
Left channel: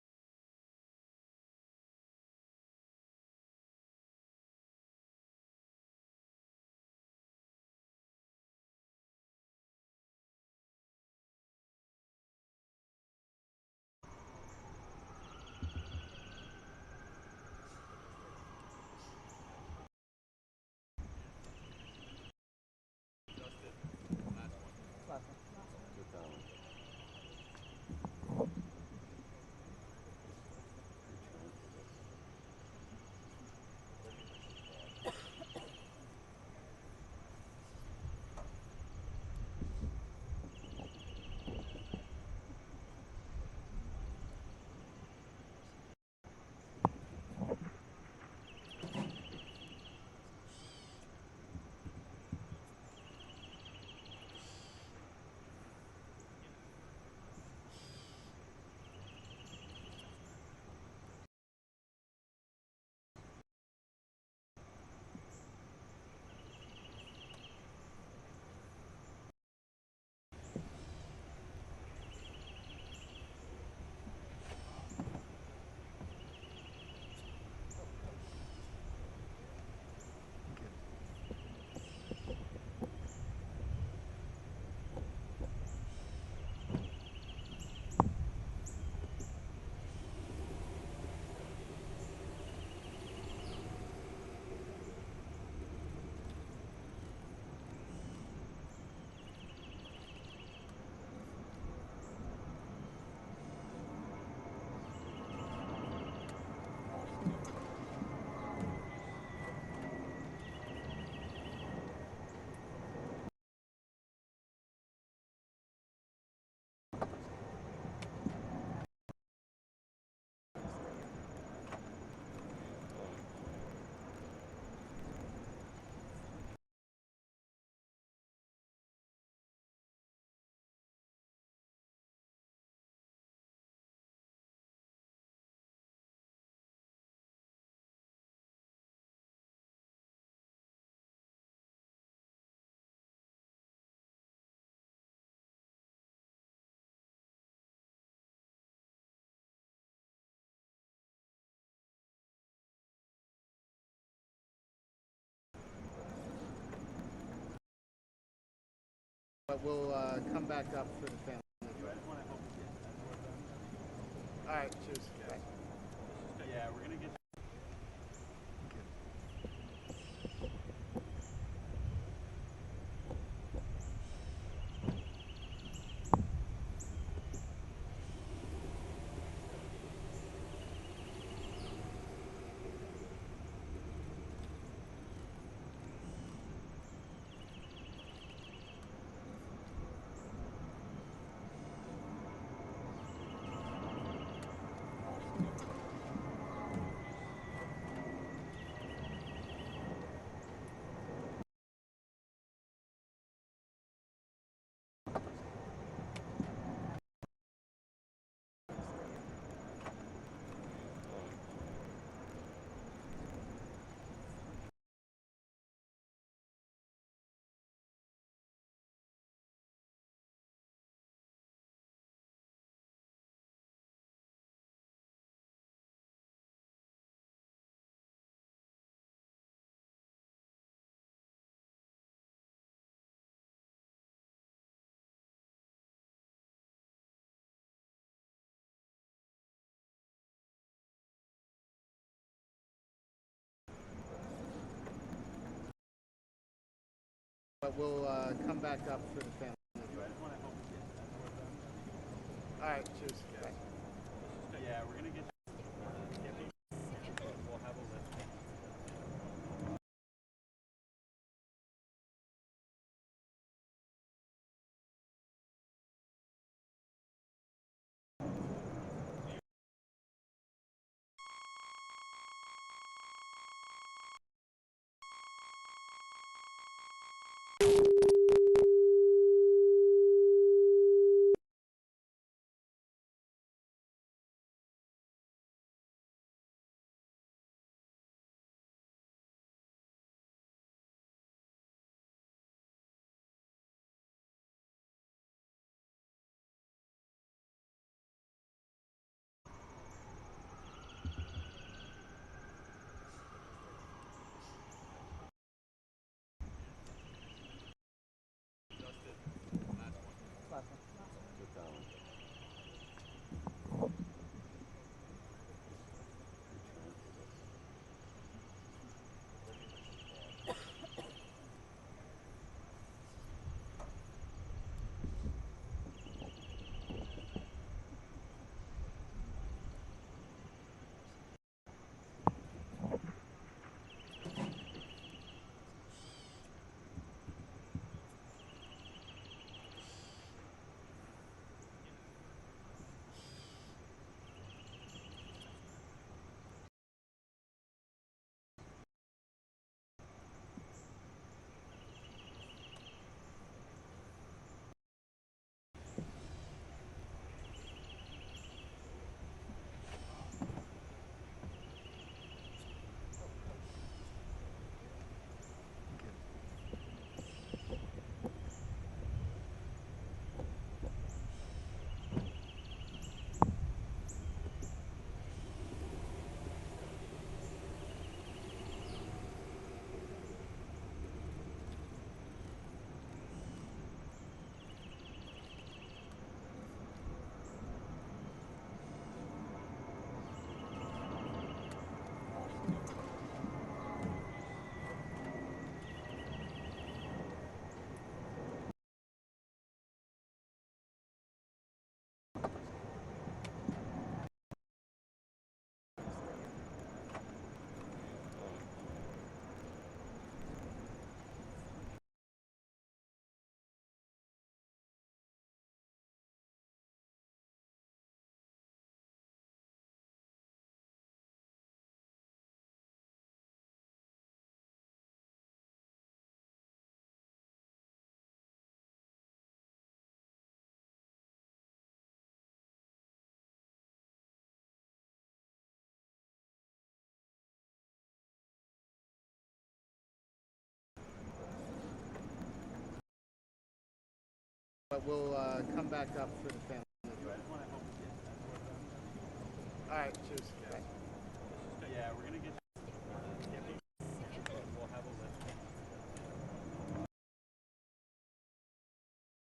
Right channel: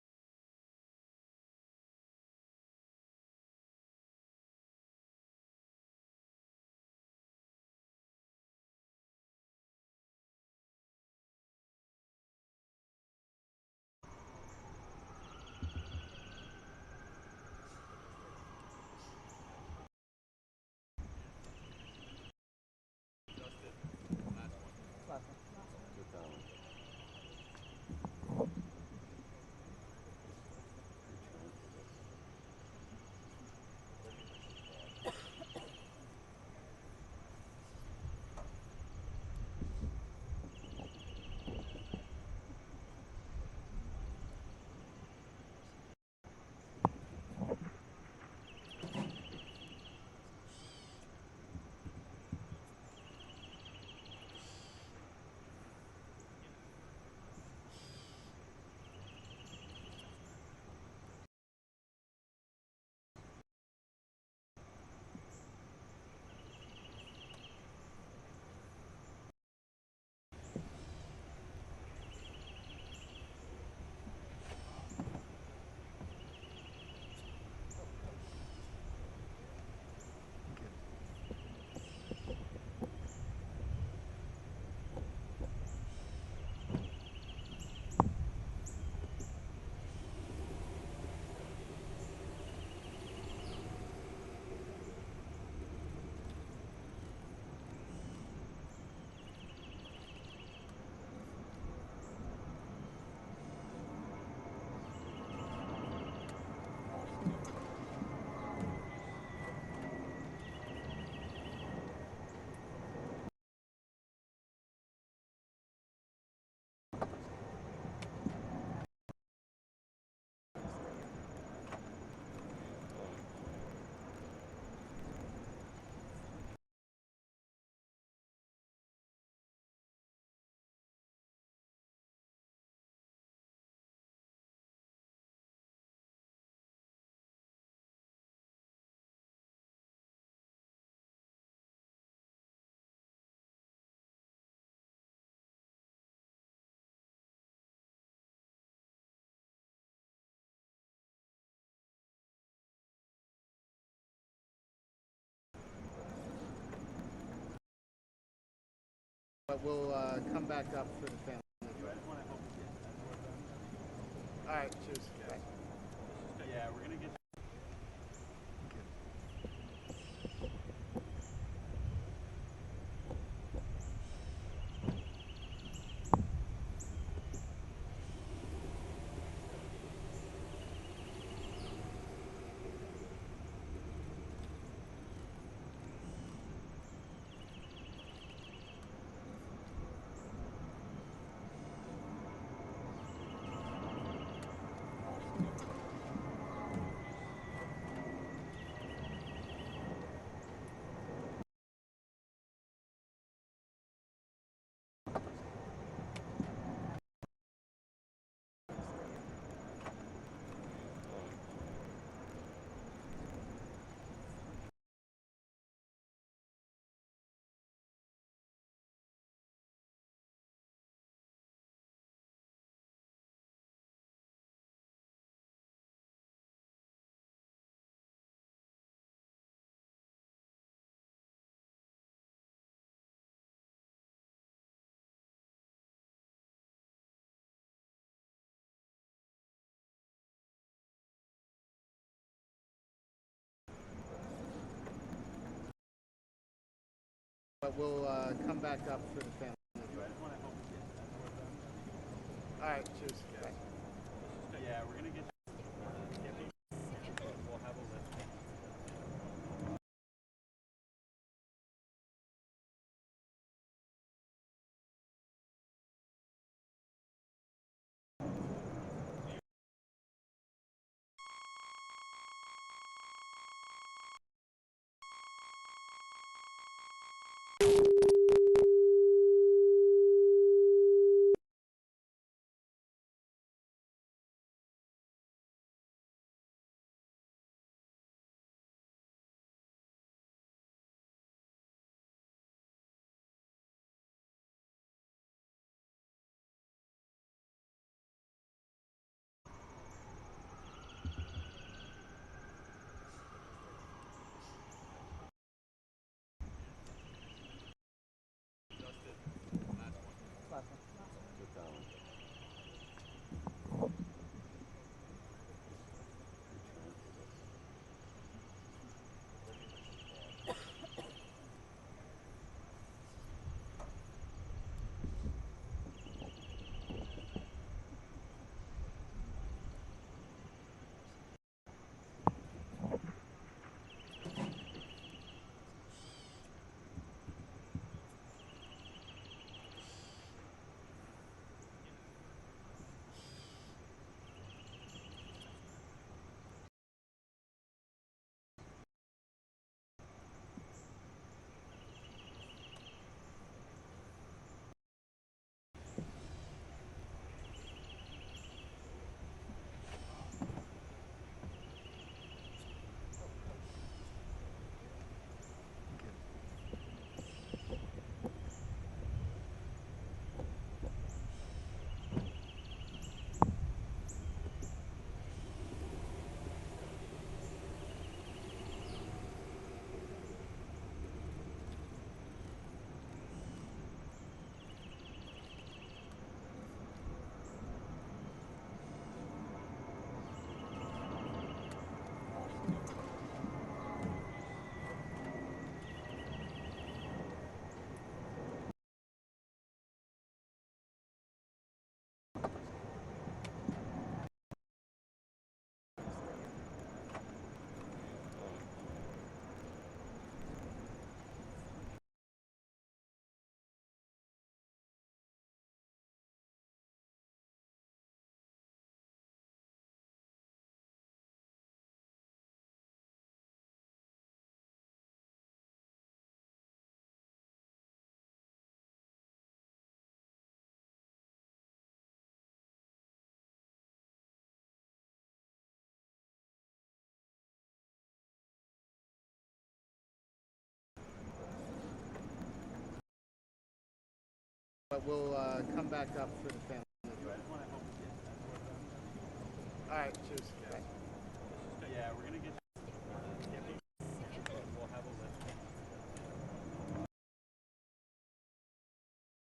But we'll come back up for the family. You guys want to help us get that door done? All right, cheers. Bye. Yeah, we're gonna get. But we'll come back up for the family. You guys want to help us get that door done? All right, cheers. Bye. Yeah, we're gonna get. We'll have a list. But we'll come back up for the family. You guys want to help us get that door done? All right, cheers. Bye. Yeah, we're gonna get. We'll have a list.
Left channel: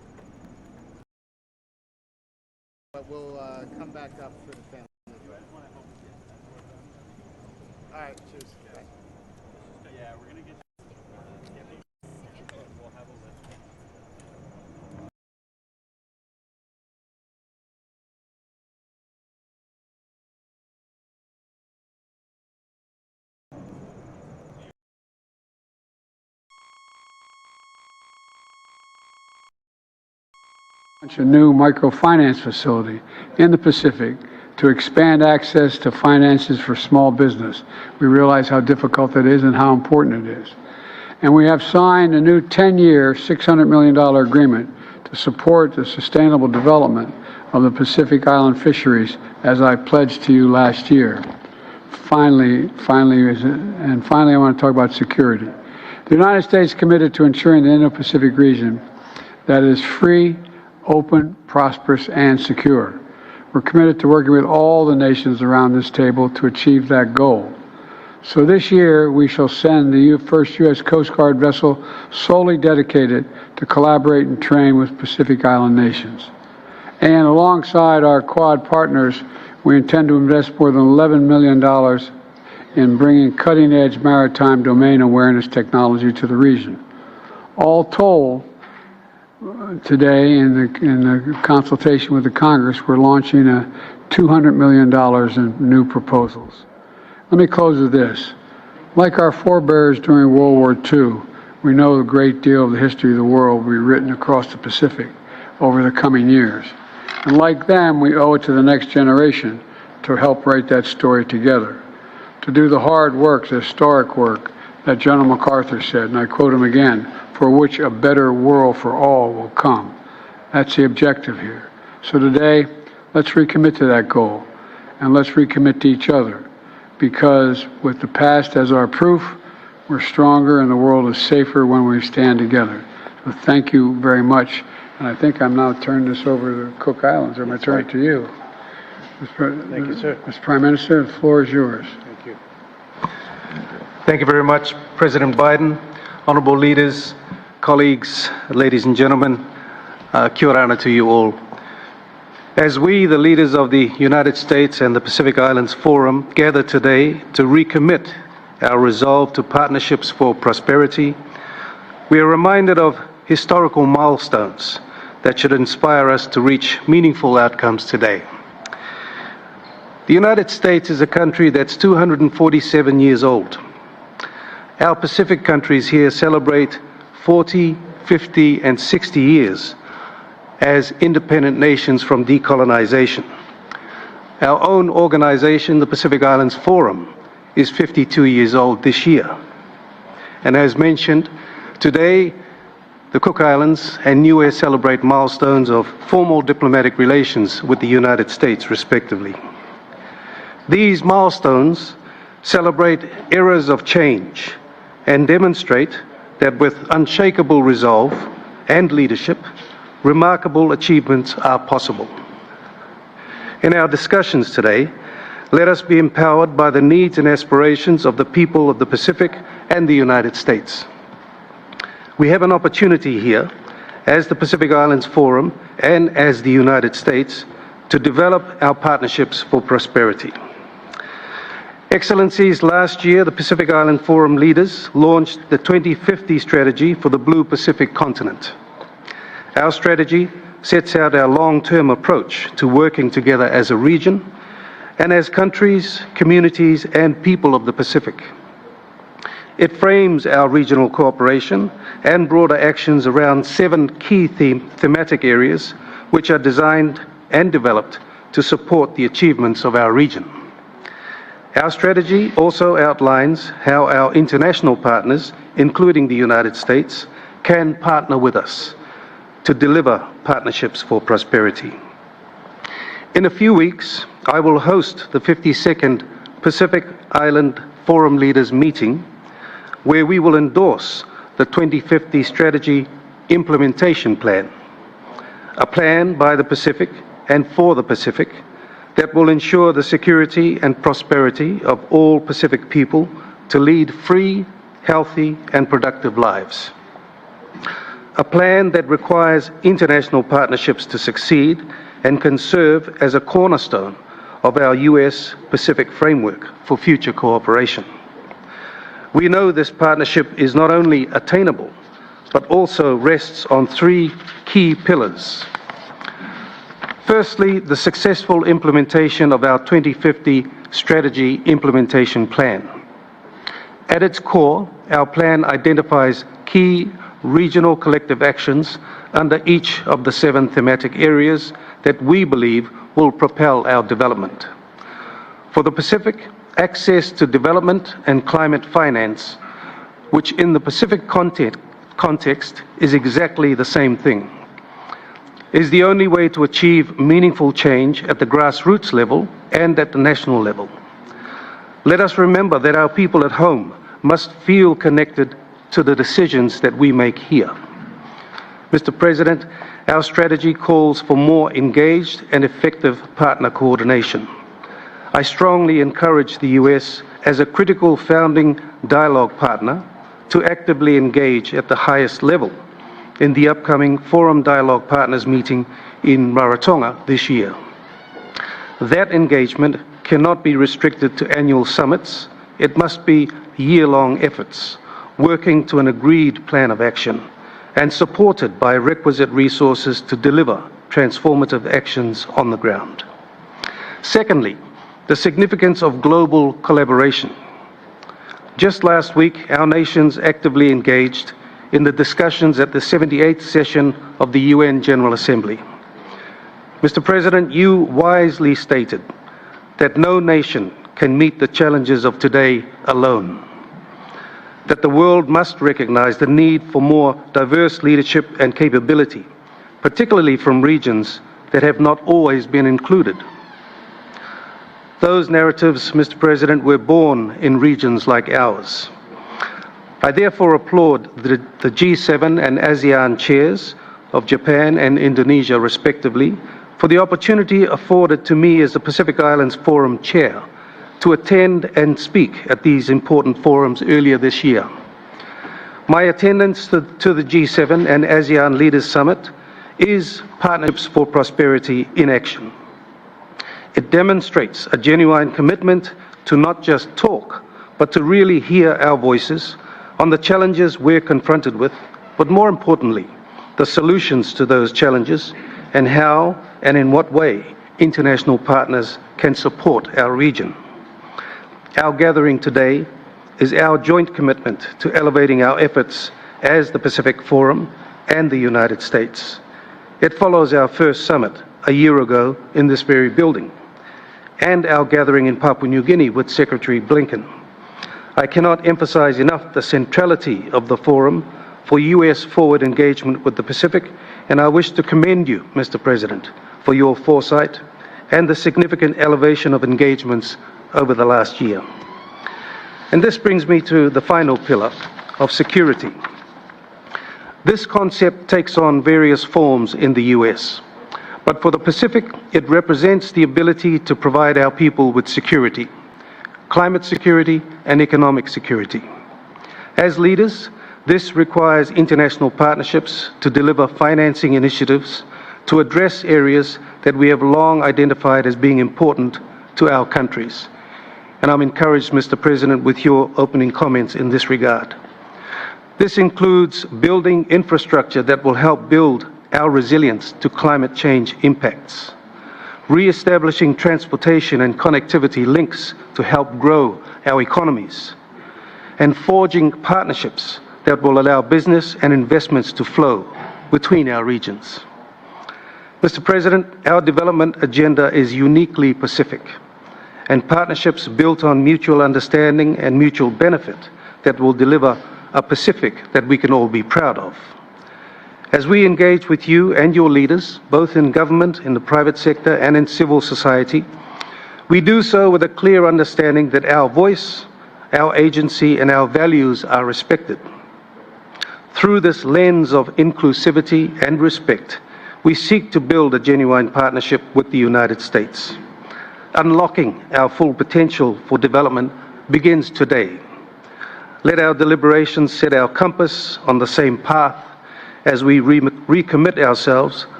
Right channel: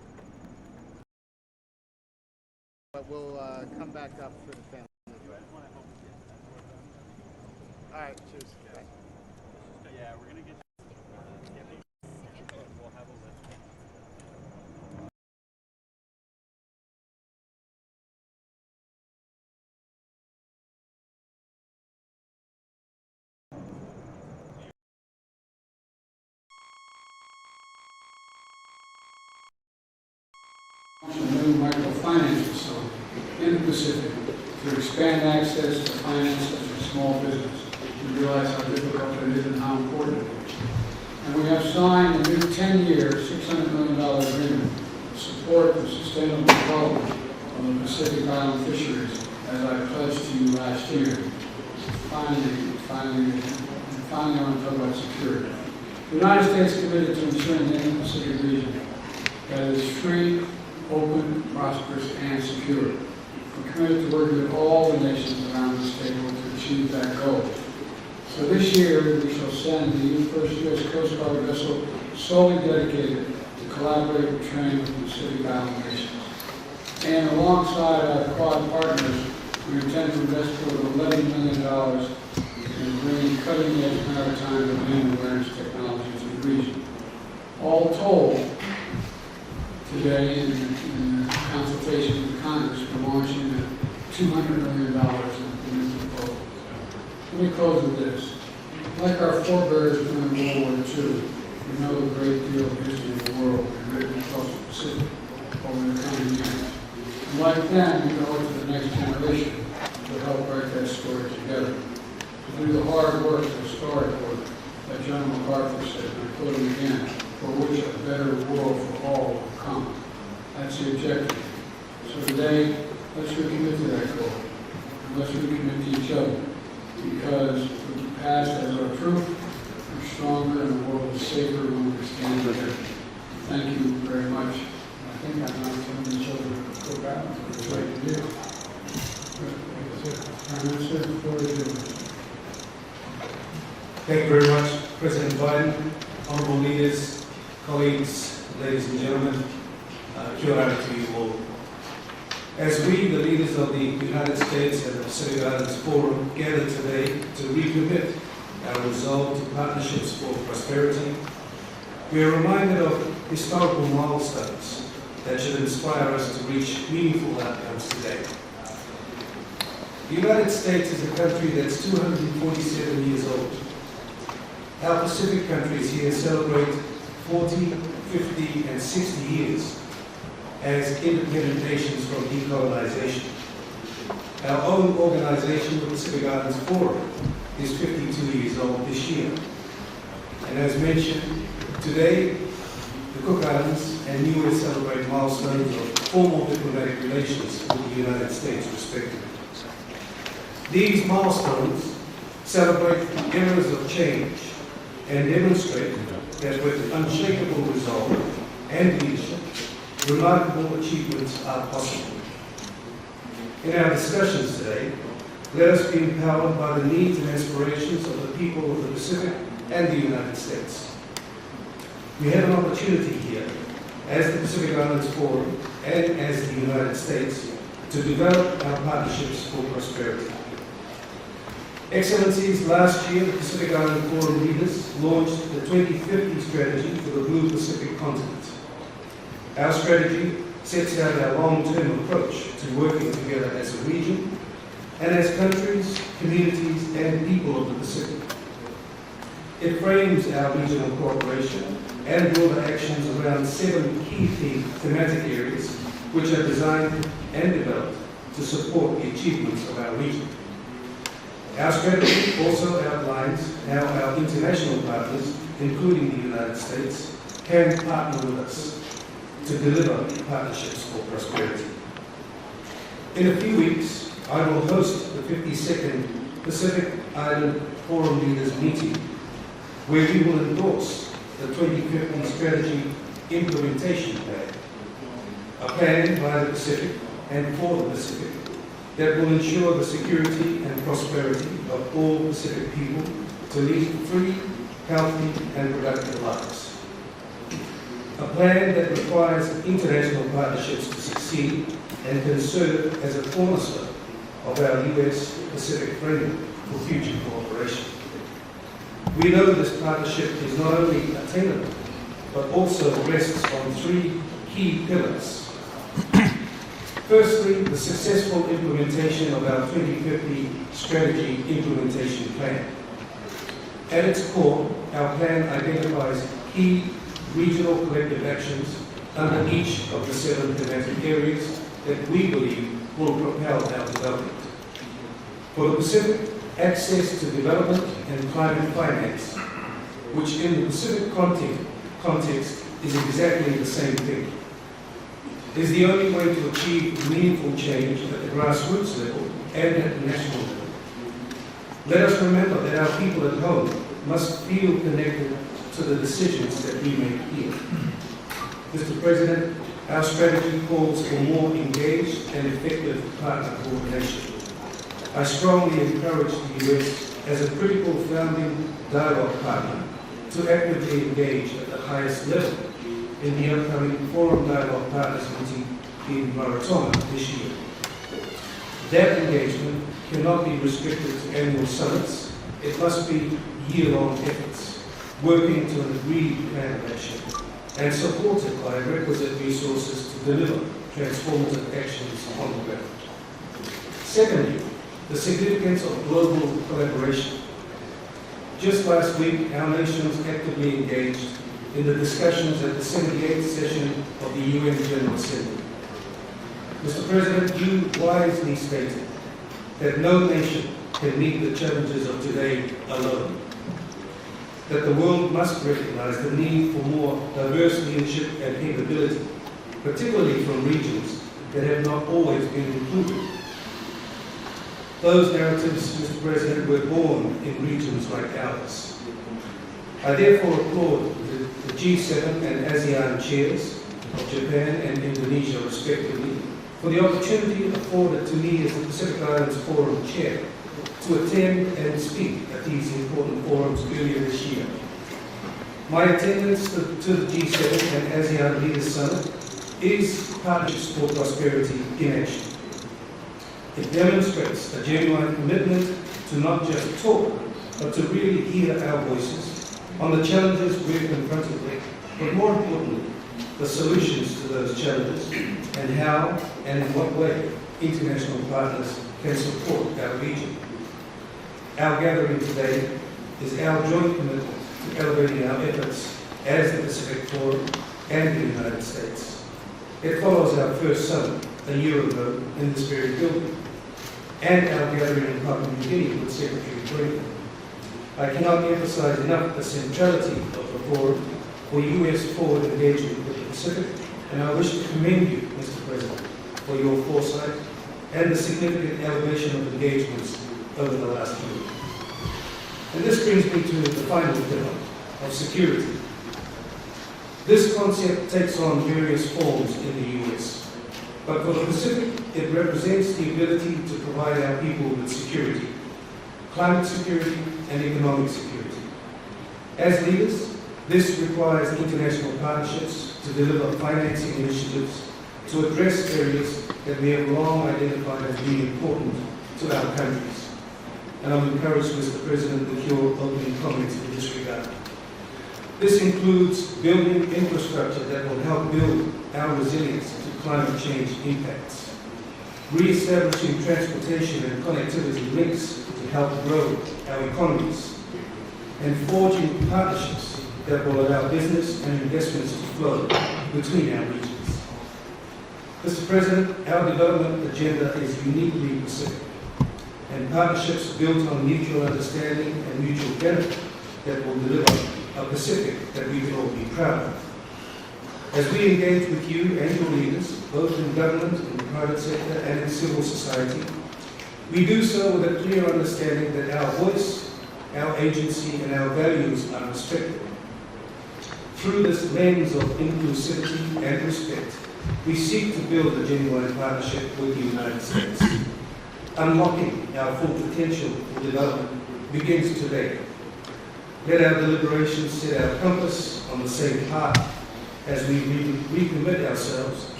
But we'll come back up for the family. All right, cheers. Bye. Yeah, we're gonna get we'll have a list. A new microfinance facility in the Pacific to expand access to finances for small business. We realize how difficult it is and how important it is. And we have signed a new 10-year, $600 million agreement to support the sustainable development of the Pacific Island fisheries, as I pledged to you last year. Finally, I want to talk about security. The United States is committed to ensuring the Indo-Pacific region that is free, open, prosperous, and secure. We're committed to working with all the nations around this table to achieve that goal. So this year, we shall send the first U.S. Coast Guard vessel solely dedicated to collaborate and train with Pacific Island nations. And alongside our Quad partners, we intend to invest more than $11 million in bringing cutting-edge maritime domain awareness technology to the region. All told, today, in the consultation with the Congress, we're launching $200 million in new proposals. Let me close with this. Like our forebears during World War II, we know a great deal of the history of the world will be written across the Pacific over the coming years. And like them, we owe it to the next generation to help write that story together, to do the hard work, the historic work that General MacArthur said, and I quote him again, for which a better world for all will come. That's the objective here. So today, let's recommit to that goal, and let's recommit to each other, because with the past as our proof, we're stronger and the world is safer when we stand together. So thank you very much. And I think I'm now turning this over to Cook Islands. I'm going to turn it to you. Thank you, sir. Mr. Prime Minister, the floor is yours. Thank you. Thank you very much, President Biden, honorable leaders, colleagues, ladies and gentlemen. Kia ora to you all. As we, the leaders of the United States and the Pacific Islands Forum, gather today to recommit our resolve to partnerships for prosperity, we are reminded of historical milestones that should inspire us to reach meaningful outcomes today. The United States is a country that's 247 years old. Our Pacific countries here celebrate 40, 50, and 60 years as independent nations from decolonization. Our own organization, the Pacific Islands Forum, is 52 years old this year. And as mentioned, today, the Cook Islands and Niue celebrate milestones of formal diplomatic relations with the United States, respectively. These milestones celebrate eras of change and demonstrate that with unshakable resolve and leadership, remarkable achievements are possible. In our discussions today, let us be empowered by the needs and aspirations of the people of the Pacific and the United States. We have an opportunity here, as the Pacific Islands Forum and as the United States, to develop our partnerships for prosperity. Excellencies, last year the Pacific Island Forum leaders launched the 2050 strategy for the Blue Pacific continent. Our strategy sets out our long-term approach to working together as a region and as countries, communities, and people of the Pacific. It frames our regional cooperation and broader actions around 7 key thematic areas which are designed and developed to support the achievements of our region. Our strategy also outlines how our international partners, including the United States, can partner with us to deliver partnerships for prosperity. In a few weeks, I will host the 52nd Pacific Island Forum Leaders meeting, where we will endorse the 2050 Strategy Implementation Plan, a plan by the Pacific and for the Pacific that will ensure the security and prosperity of all Pacific people to lead free, healthy, and productive lives. A plan that requires international partnerships to succeed and can serve as a cornerstone of our US-Pacific framework for future cooperation. We know this partnership is not only attainable, but also rests on three key pillars. Firstly, the successful implementation of our 2050 Strategy Implementation Plan. At its core, our plan identifies key regional collective actions under each of the 7 thematic areas that we believe will propel our development. For the Pacific, access to development and climate finance, which in the Pacific context is exactly the same thing, is the only way to achieve meaningful change at the grassroots level and at the national level. Let us remember that our people at home must feel connected to the decisions that we make here. Mr. President, our strategy calls for more engaged and effective partner coordination. I strongly encourage the US as a critical founding dialogue partner to actively engage at the highest level in the upcoming Forum Dialogue Partners meeting in Rarotonga this year. That engagement cannot be restricted to annual summits. It must be year-long efforts, working to an agreed plan of action and supported by requisite resources to deliver transformative actions on the ground. Secondly, the significance of global collaboration. Just last week, our nations actively engaged in the discussions at the 78th session of the UN General Assembly. Mr. President, you wisely stated that no nation can meet the challenges of today alone, that the world must recognize the need for more diverse leadership and capability, particularly from regions that have not always been included. Those narratives, Mr. President, were born in regions like ours. I therefore applaud the G7 and ASEAN chairs of Japan and Indonesia, respectively, for the opportunity afforded to me as the Pacific Islands Forum chair to attend and speak at these important forums earlier this year. My attendance to the G7 and ASEAN Leaders Summit is Partnerships for Prosperity in action. It demonstrates a genuine commitment to not just talk, but to really hear our voices on the challenges we're confronted with, but more importantly, the solutions to those challenges and how and in what way international partners can support our region. Our gathering today is our joint commitment to elevating our efforts as the Pacific Forum and the United States. It follows our first summit a year ago in this very building and our gathering in Papua New Guinea with Secretary Blinken. I cannot emphasize enough the centrality of the forum for US forward engagement with the Pacific, and I wish to commend you, Mr. President, for your foresight and the significant elevation of engagements over the last year. And this brings me to the final pillar of security. This concept takes on various forms in the US, but for the Pacific, it represents the ability to provide our people with security, climate security and economic security. As leaders, this requires international partnerships to deliver financing initiatives to address areas that we have long identified as being important to our countries. And I'm encouraged, Mr. President, with your opening comments in this regard. This includes building infrastructure that will help build our resilience to climate change impacts, re-establishing transportation and connectivity links to help grow our economies, and forging partnerships that will allow business and investments to flow between our regions. Mr. President, our development agenda is uniquely Pacific, and partnerships built on mutual understanding and mutual benefit that will deliver a Pacific that we can all be proud of. As we engage with you and your leaders, both in government, in the private sector, and in civil society, we do so with a clear understanding that our voice, our agency, and our values are respected. Through this lens of inclusivity and respect, we seek to build a genuine partnership with the United States. Unlocking our full potential for development begins today. Let our deliberations set our compass on the same path as we recommit ourselves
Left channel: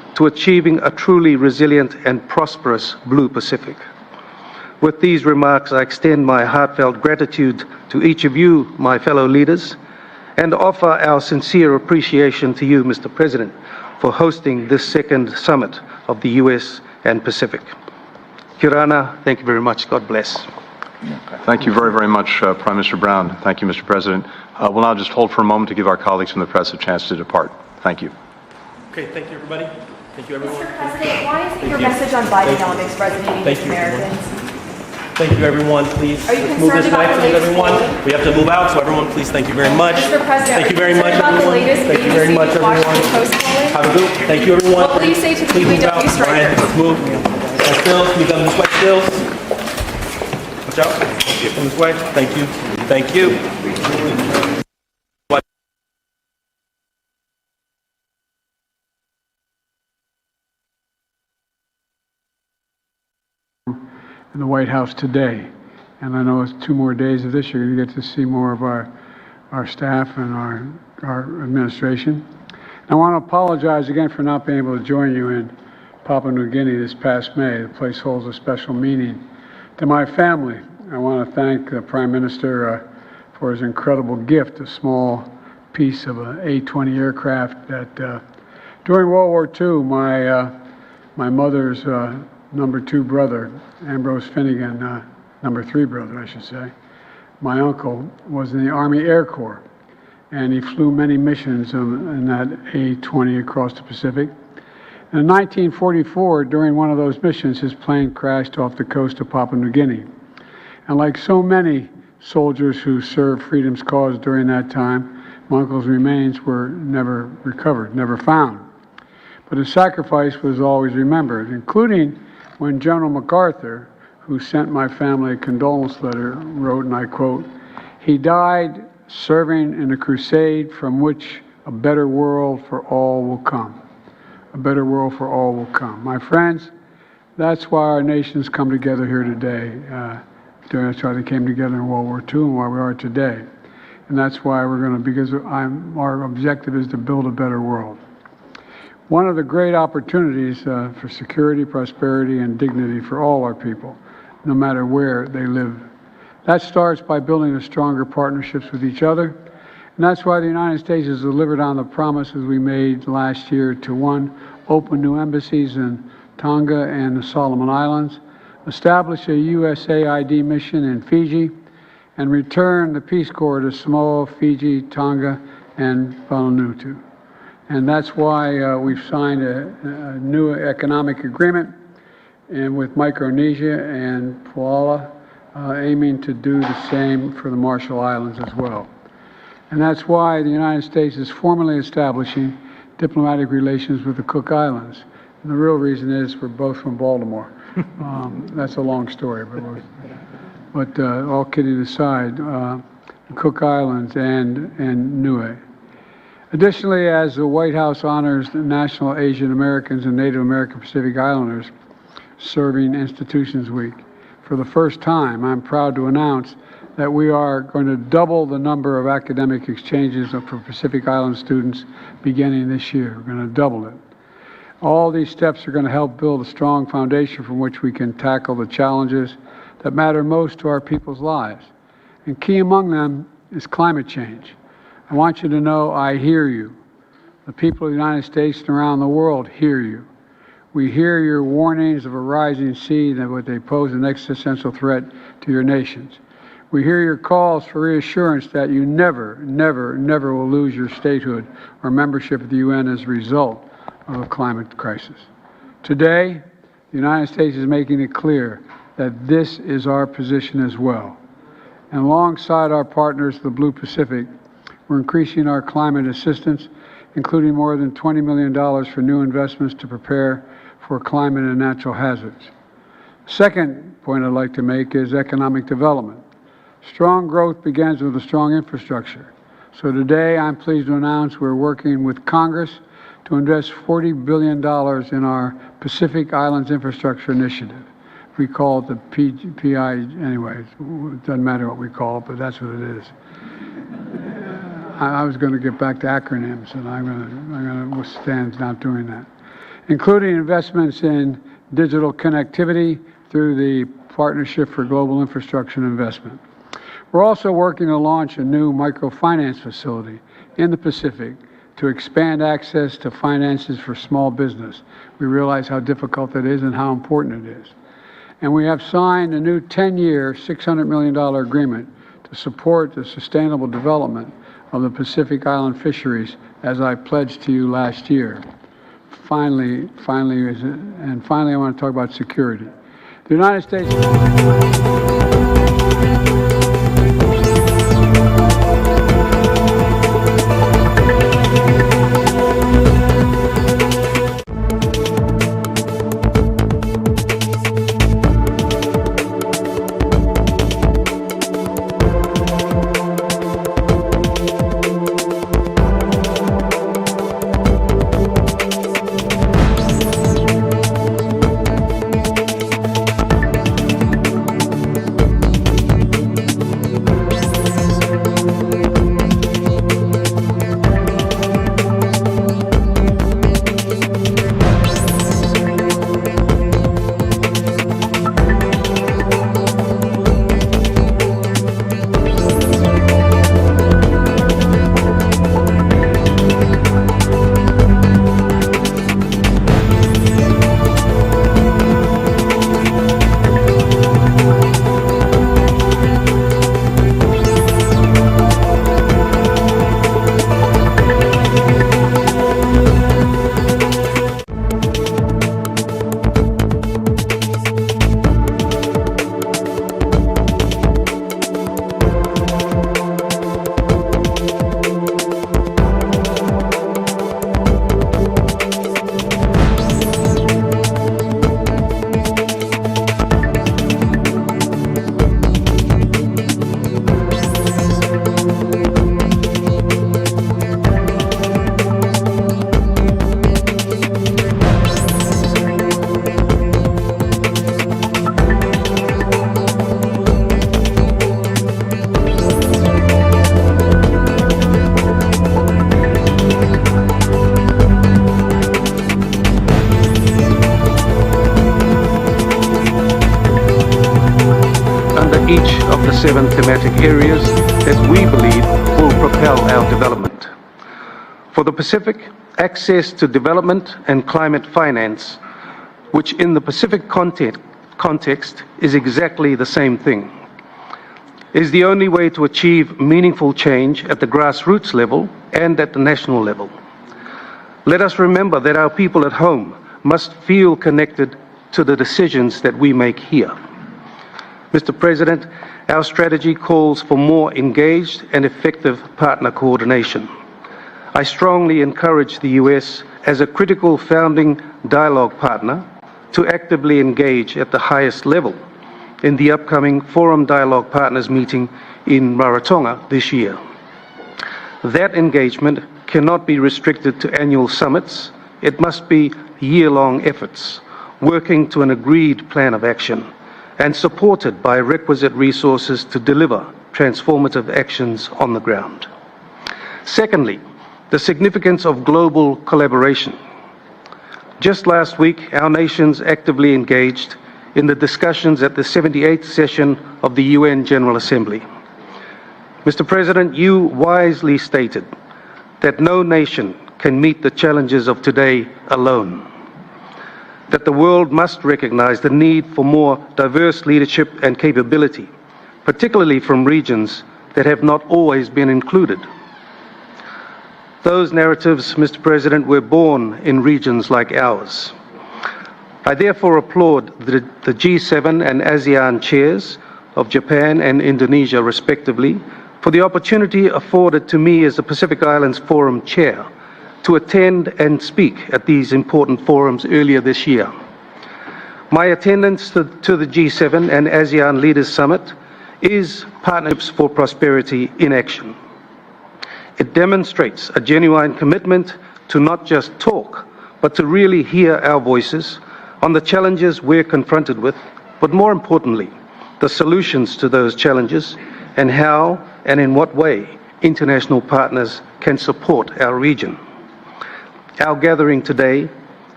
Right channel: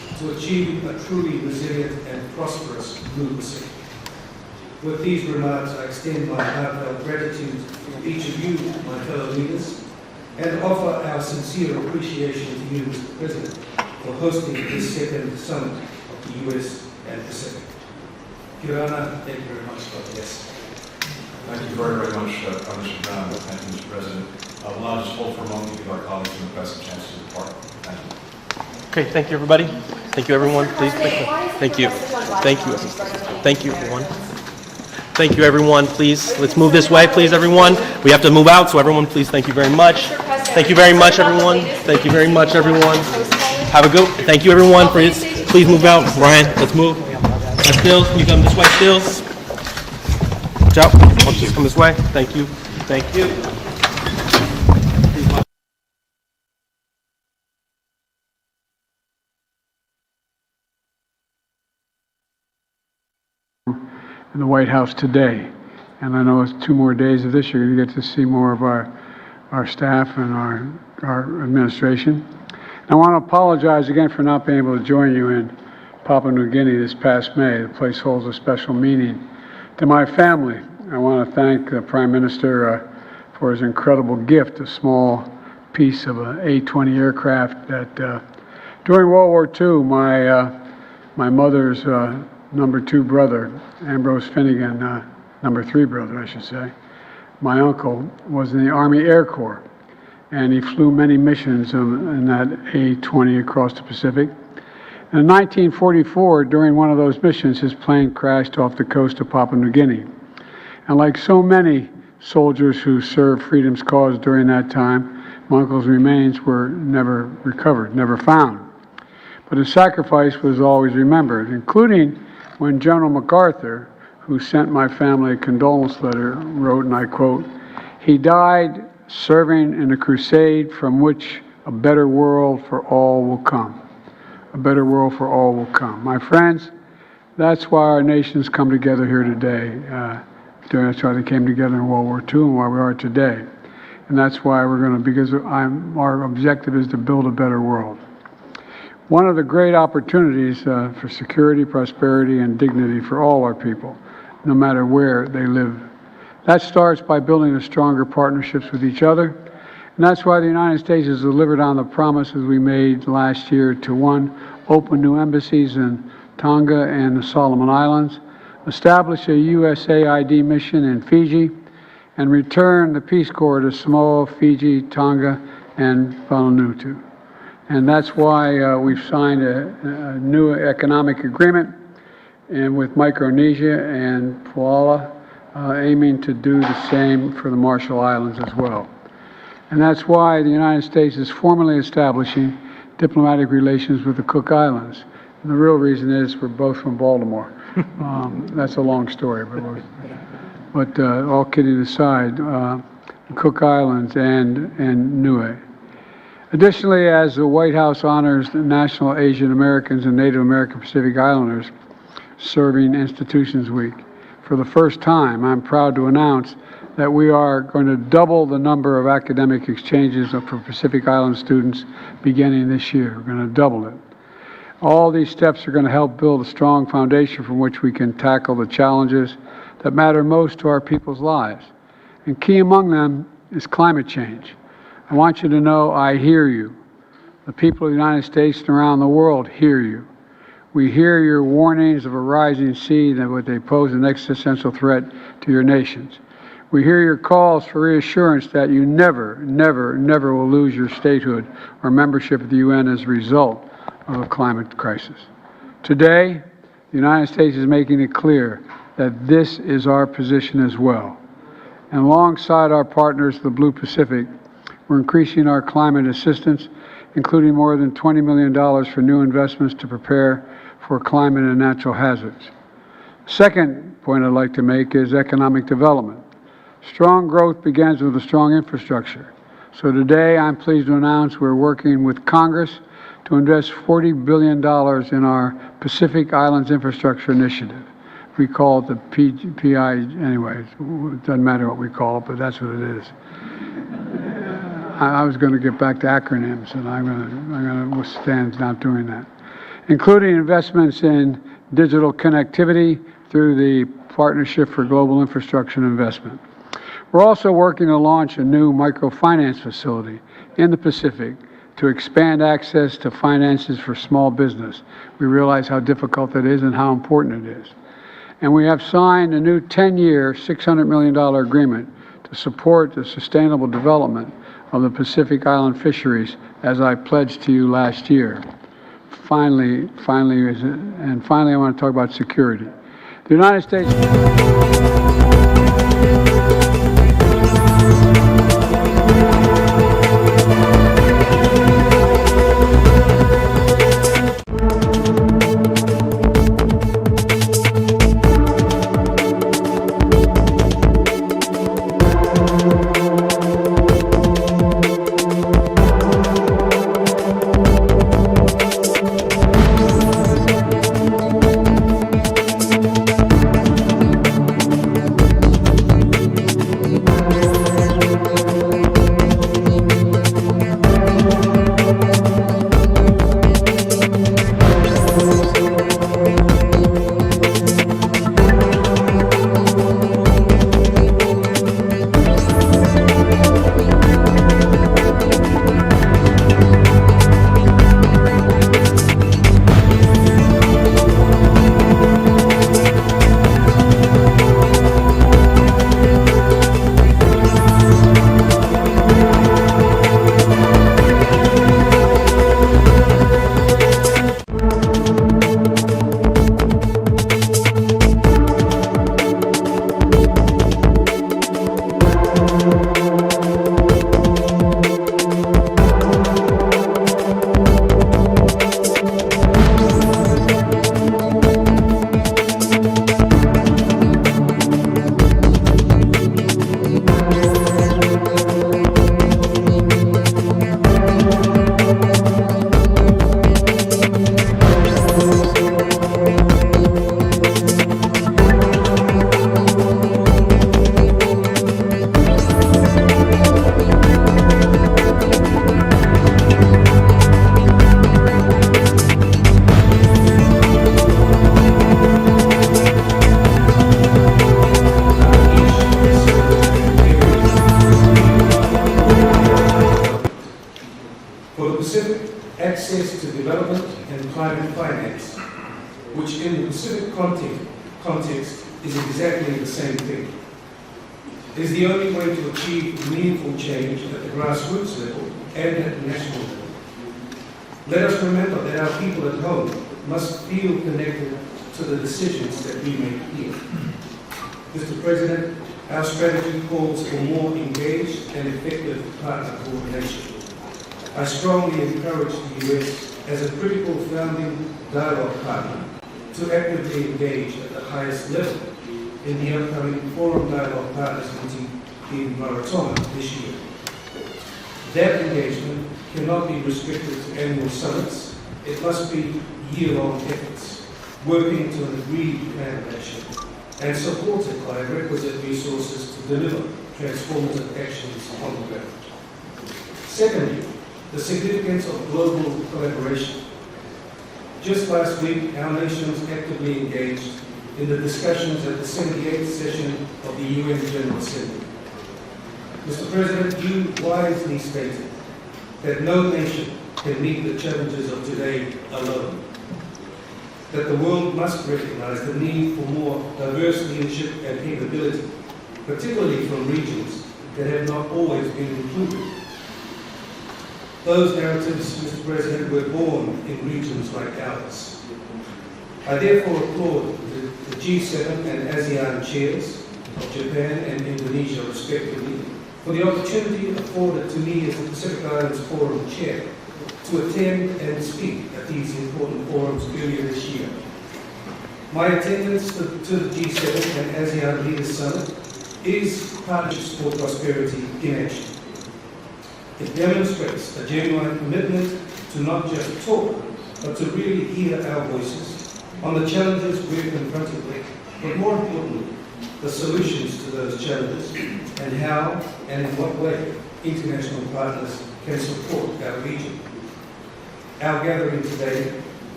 to achieving a truly resilient and prosperous Blue Pacific. With these remarks, I extend my heartfelt gratitude to each of you, my fellow leaders, and offer our sincere appreciation to you, Mr. President, for hosting this second summit of the US and Pacific. Kirana, thank you very much. God bless. Thank you very, very much, Prime Minister Brown. Thank you, Mr. President. We'll now just hold for a moment to give our colleagues from the press a chance to depart. Thank you. Okay, thank you, everybody. Thank you, everyone. Please. Thank you. Your message on Bidenomics resonating with Americans? Thank you, everyone. Please, let's move this way, please, everyone. We have to move out, so everyone, please, thank you very much. Thank you very much, everyone. Thank you very much, everyone. Have a good. Thank you, everyone. Please move out. Ryan, let's move. Stills, can you come this way, Stills? Watch out. Come this way. Thank you. Thank you. In the White House today. And I know it's 2 more days of this. You're going to get to see more of our staff and our administration. And I want to apologize again for not being able to join you in Papua New Guinea this past May. The place holds a special meaning to my family. I want to thank the Prime Minister for his incredible gift, a small piece of an A-20 aircraft that during World War II, my mother's number 2 brother, Ambrose Finnegan, number 3 brother, I should say, my uncle was in the Army Air Corps, and he flew many missions in that A-20 across the Pacific. In 1944, during one of those missions, his plane crashed off the coast of Papua New Guinea. And like so many soldiers who served freedom's cause during that time, my uncle's remains were never recovered, never found. But his sacrifice was always remembered, including when General MacArthur, who sent my family a condolence letter, wrote, and I quote, "He died serving in a crusade from which a better world for all will come." A better world for all will come. My friends, that's why our nations come together here today. That's why they came together in World War II and why we are today. And that's why we're going to, because our objective is to build a better world. One of the great opportunities for security, prosperity, and dignity for all our people, no matter where they live. That starts by building a stronger partnerships with each other. And that's why the United States has delivered on the promises we made last year to 1, open new embassies in Tonga and the Solomon Islands, establish a USAID mission in Fiji, and return the Peace Corps to Samoa, Fiji, Tonga, and Vanuatu. And that's why we've signed a new economic agreement and with Micronesia and Palau, aiming to do the same for the Marshall Islands as well. And that's why the United States is formally establishing diplomatic relations with the Cook Islands. And the real reason is we're both from Baltimore. That's a long story, but all kidding aside, the Cook Islands and Niue. Additionally, as the White House honors the National Asian Americans and Native American Pacific Islanders Serving Institutions Week, for the first time, I'm proud to announce that we are going to double the number of academic exchanges for Pacific Island students beginning this year. We're going to double it. All these steps are going to help build a strong foundation from which we can tackle the challenges that matter most to our people's lives. And key among them is climate change. I want you to know I hear you. The people of the United States and around the world hear you. We hear your warnings of a rising sea that would they pose an existential threat to your nations. We hear your calls for reassurance that you never, never, never will lose your statehood or membership of the UN as a result of a climate crisis. Today, the United States is making it clear that this is our position as well. And alongside our partners, the Blue Pacific, we're increasing our climate assistance, including more than $20 million for new investments to prepare for climate and natural hazards. Second point I'd like to make is economic development. Strong growth begins with a strong infrastructure. So today, I'm pleased to announce we're working with Congress to invest $40 billion in our Pacific Islands Infrastructure Initiative. We call it the PI anyway. It doesn't matter what we call it, but that's what it is. I was going to get back to acronyms, and I'm going to withstand not doing that. including investments in digital connectivity through the Partnership for Global Infrastructure Investment. We're also working to launch a new microfinance facility in the Pacific to expand access to finances for small business. We realize how difficult it is and how important it is. And we have signed a new 10-year, $600 million agreement to support the sustainable development of the Pacific Island fisheries, as I pledged to you last year. Finally, I want to talk about security. The United States... Pacific, access to development and climate finance, which in the Pacific context is exactly the same thing, is the only way to achieve meaningful change at the grassroots level and at the national level. Let us remember that our people at home must feel connected to the decisions that we make here. Mr. President, our strategy calls for more engaged and effective partner coordination. I strongly encourage the US as a critical founding dialogue partner to actively engage at the highest level in the upcoming Forum Dialogue Partners meeting in Rarotonga this year. That engagement cannot be restricted to annual summits. It must be year-long efforts, working to an agreed plan of action and supported by requisite resources to deliver transformative actions on the ground. Secondly, the significance of global collaboration. Just last week, our nations actively engaged in the discussions at the 78th session of the UN General Assembly. Mr. President, you wisely stated that no nation can meet the challenges of today alone, that the world must recognize the need for more diverse leadership and capability, particularly from regions that have not always been included. Those narratives, Mr. President, were born in regions like ours. I therefore applaud the G7 and ASEAN chairs of Japan and Indonesia, respectively, for the opportunity afforded to me as the Pacific Islands Forum Chair to attend and speak at these important forums earlier this year. My attendance to the G7 and ASEAN Leaders Summit is Partnerships for Prosperity in action. It demonstrates a genuine commitment to not just talk, but to really hear our voices on the challenges we're confronted with, but more importantly, the solutions to those challenges and how and in what way international partners can support our region. Our gathering today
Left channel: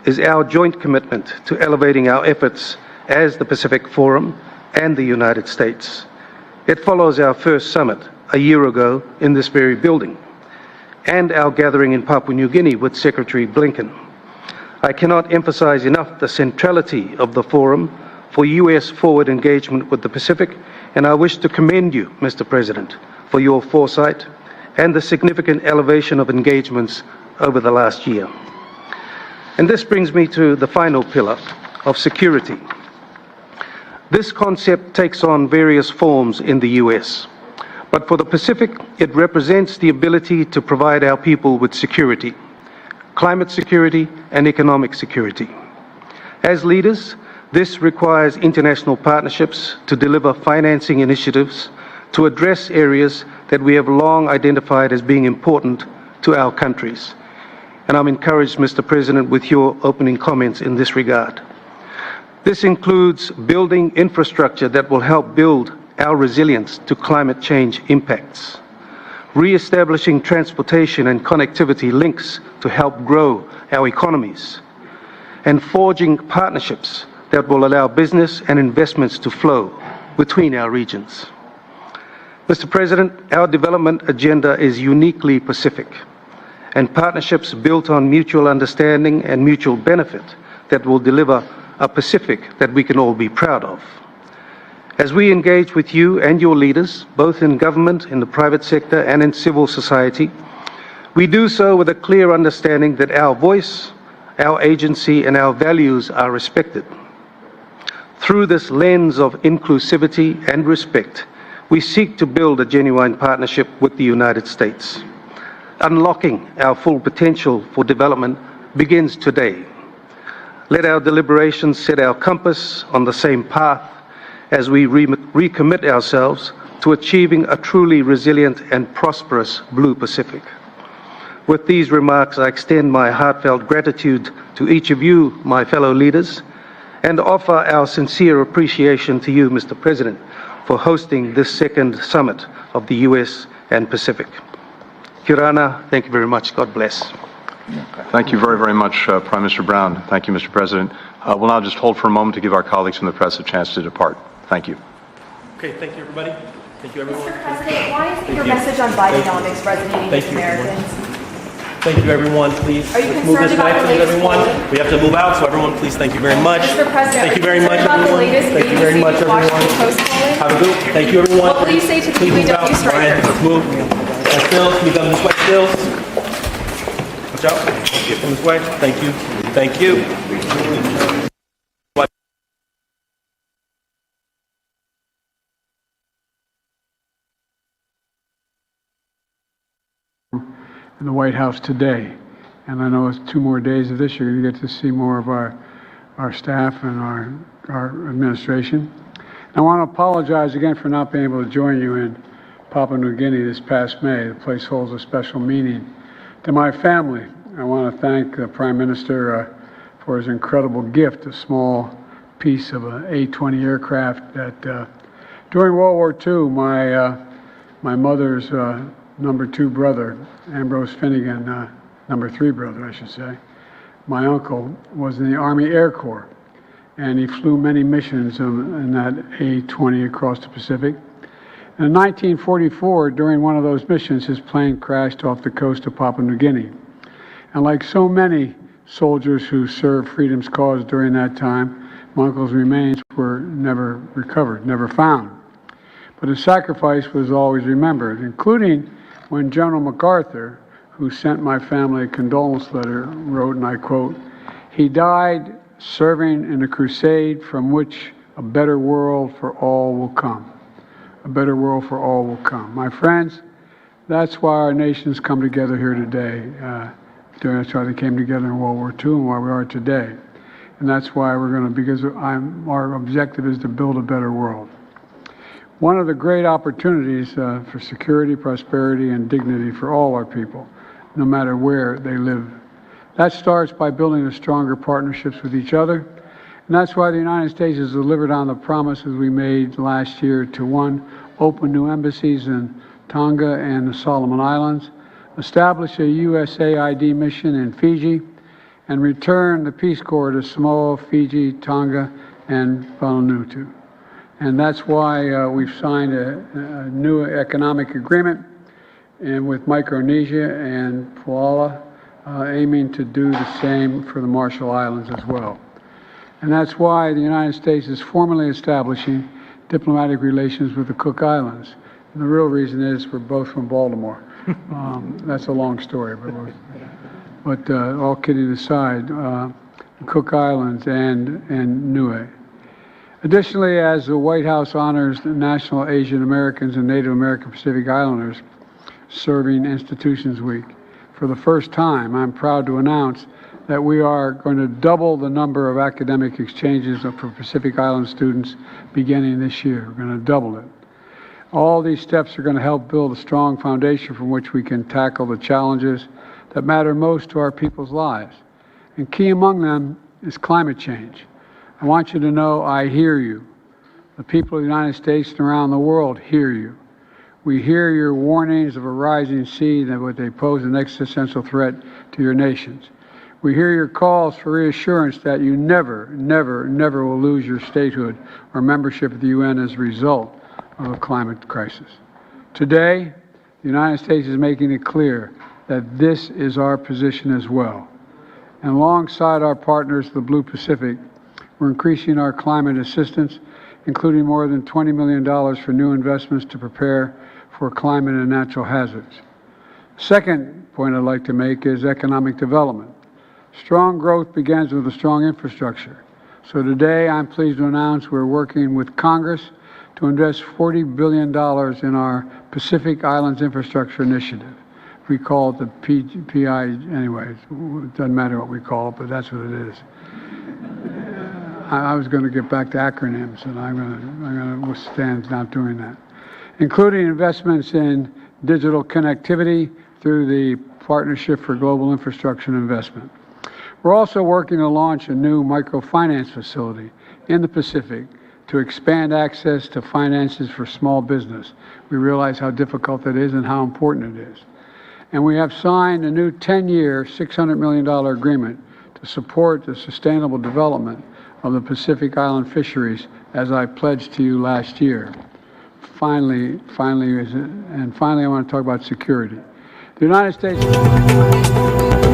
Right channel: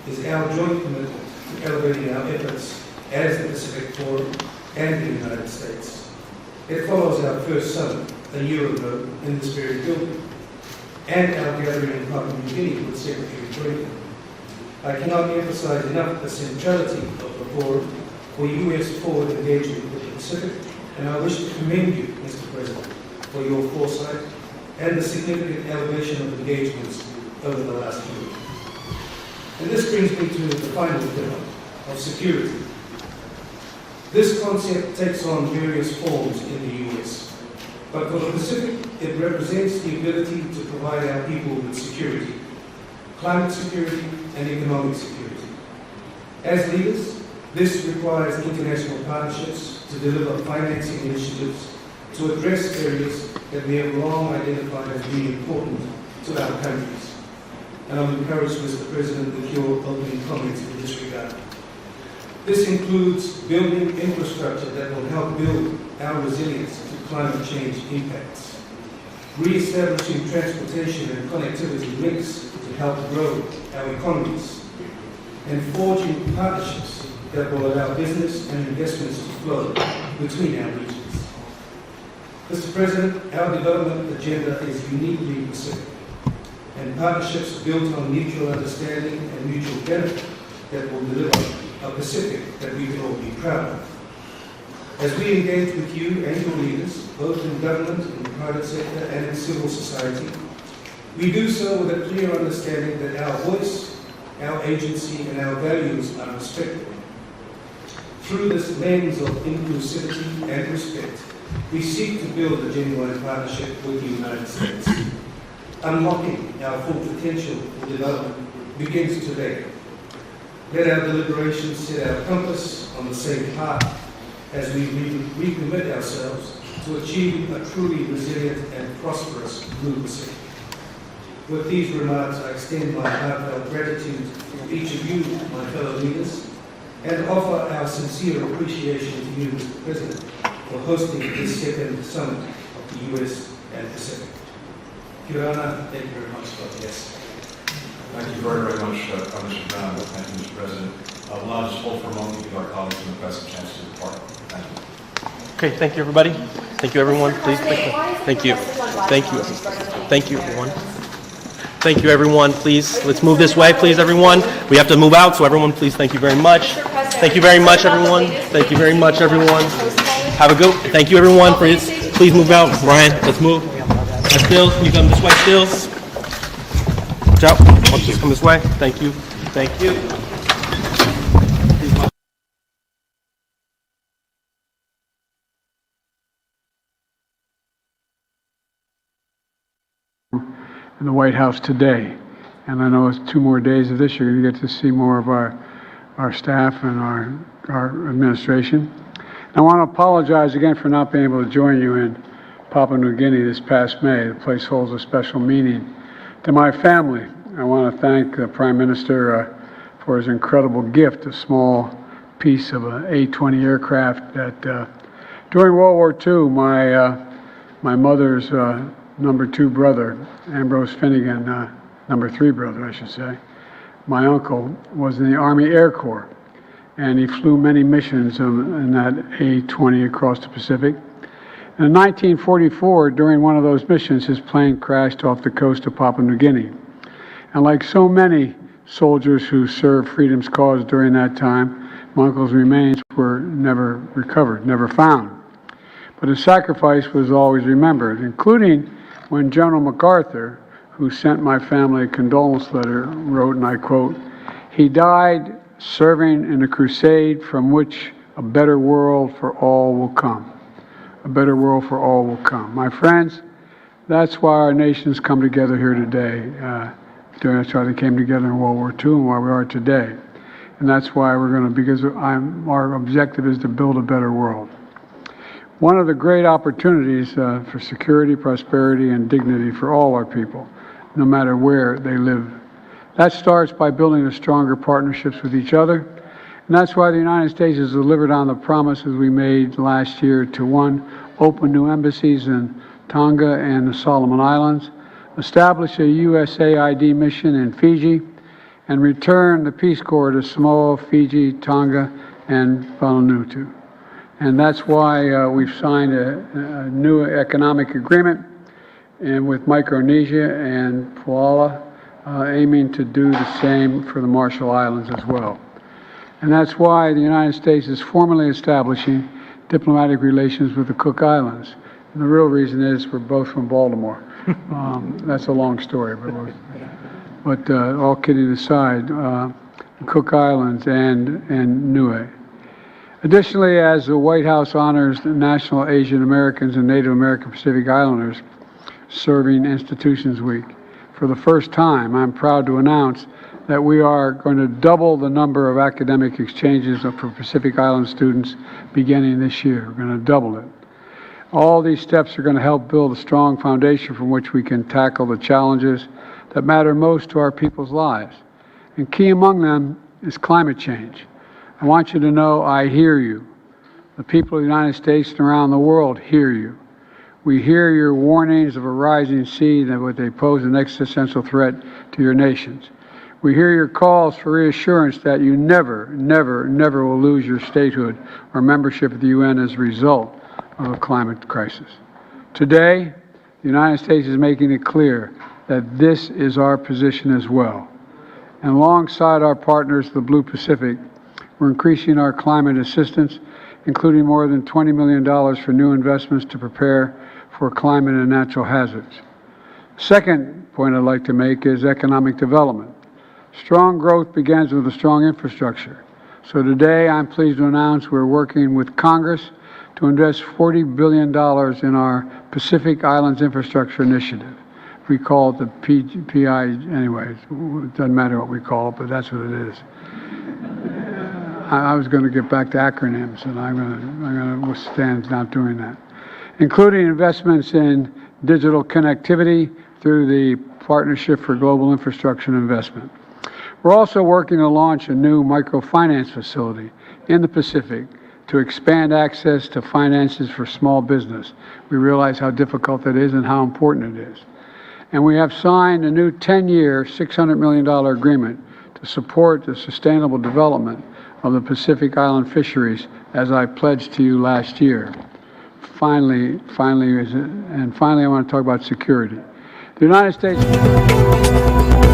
is our joint commitment to elevating our efforts as the Pacific Forum and the United States. It follows our first summit a year ago in this very building and our gathering in Papua New Guinea with Secretary Blinken. I cannot emphasize enough the centrality of the forum for US forward engagement with the Pacific, and I wish to commend you, Mr. President, for your foresight and the significant elevation of engagements over the last year. And this brings me to the final pillar of security. This concept takes on various forms in the US, but for the Pacific, it represents the ability to provide our people with security, climate security and economic security. As leaders, this requires international partnerships to deliver financing initiatives to address areas that we have long identified as being important to our countries. And I'm encouraged, Mr. President, with your opening comments in this regard. This includes building infrastructure that will help build our resilience to climate change impacts, re-establishing transportation and connectivity links to help grow our economies, and forging partnerships that will allow business and investments to flow between our regions. Mr. President, our development agenda is uniquely Pacific, and partnerships built on mutual understanding and mutual benefit that will deliver a Pacific that we can all be proud of. As we engage with you and your leaders, both in government, in the private sector, and in civil society, we do so with a clear understanding that our voice, our agency, and our values are respected. Through this lens of inclusivity and respect, we seek to build a genuine partnership with the United States. Unlocking our full potential for development begins today. Let our deliberations set our compass on the same path as we recommit ourselves to achieving a truly resilient and prosperous Blue Pacific. With these remarks, I extend my heartfelt gratitude to each of you, my fellow leaders, and offer our sincere appreciation to you, Mr. President, for hosting this second summit of the US and Pacific. Kirana, thank you very much. God bless. Thank you very, very much, Prime Minister Brown. Thank you, Mr. President. We'll now just hold for a moment to give our colleagues from the press a chance to depart. Thank you. Okay, thank you, everybody. Thank you, everyone. Please. President, why is Thank your you. message on Bidenomics resonating Thank with you, everyone. Americans? Thank you, everyone. Please, Are you let's move this concerned way, about please, the everyone. We have to move out, so everyone, please, thank you very much. Mr. President, Thank you very much, concerned about the everyone. latest Thank you very news much, in the everyone. Washington Post polling? Have a good. Thank you, everyone. What will you Please, say to please move complete out. Go ahead. Israel? Let's move. Stills. Move up this way. Stills. Watch out. Okay, from this way. Thank you. Thank you. Please watch. In the White House today. And I know it's 2 more days of this. You're going to get to see more of our staff and our administration. And I want to apologize again for not being able to join you in Papua New Guinea this past May. The place holds a special meaning to my family. I want to thank the Prime Minister for his incredible gift, a small piece of an A-20 aircraft that during World War II, my mother's number 2 brother, Ambrose Finnegan, number 3 brother, I should say, my uncle was in the Army Air Corps, and he flew many missions in that A-20 across the Pacific. And in 1944, during one of those missions, his plane crashed off the coast of Papua New Guinea. And like so many soldiers who served freedom's cause during that time, my uncle's remains were never recovered, never found. But his sacrifice was always remembered, including when General MacArthur, who sent my family a condolence letter, wrote, and I quote, "He died serving in a crusade from which a better world for all will come." A better world for all will come. My friends, that's why our nations come together here today. That's why they came together in World War II and why we are today. And that's why we're going to, because our objective is to build a better world. One of the great opportunities for security, prosperity, and dignity for all our people, no matter where they live. That starts by building a stronger partnerships with each other. And that's why the United States has delivered on the promises we made last year to 1, open new embassies in Tonga and the Solomon Islands, establish a USAID mission in Fiji, and return the Peace Corps to Samoa, Fiji, Tonga, and Vanuatu. And that's why we've signed a new economic agreement and with Micronesia and Palau, aiming to do the same for the Marshall Islands as well. And that's why the United States is formally establishing diplomatic relations with the Cook Islands. And the real reason is we're both from Baltimore. That's a long story, but all kidding aside, the Cook Islands and Niue. Additionally, as the White House honors the National Asian Americans and Native American Pacific Islanders Serving Institutions Week, for the first time, I'm proud to announce that we are going to double the number of academic exchanges for Pacific Island students beginning this year. We're going to double it. All these steps are going to help build a strong foundation from which we can tackle the challenges that matter most to our people's lives. And key among them is climate change. I want you to know I hear you. The people of the United States and around the world hear you. We hear your warnings of a rising sea and what they pose an existential threat to your nations. We hear your calls for reassurance that you never, never, never will lose your statehood or membership of the UN as a result of a climate crisis. Today, the United States is making it clear that this is our position as well. And alongside our partners, the Blue Pacific, we're increasing our climate assistance, including more than $20 million for new investments to prepare for climate and natural hazards. Second point I'd like to make is economic development. Strong growth begins with a strong infrastructure. So today I'm pleased to announce we're working with Congress to invest $40 billion in our Pacific Islands Infrastructure Initiative. We call it the PI anyways. It doesn't matter what we call it, but that's what it is. I was going to get back to acronyms, and I'm going to withstand not doing that, including investments in digital connectivity through the Partnership for Global Infrastructure Investment. We're also working to launch a new microfinance facility in the Pacific to expand access to finances for small business. We realize how difficult that is and how important it is. And we have signed a new 10-year, $600 million agreement to support the sustainable development of the Pacific Island fisheries, as I pledged to you last year. Finally, I want to talk about security. The United States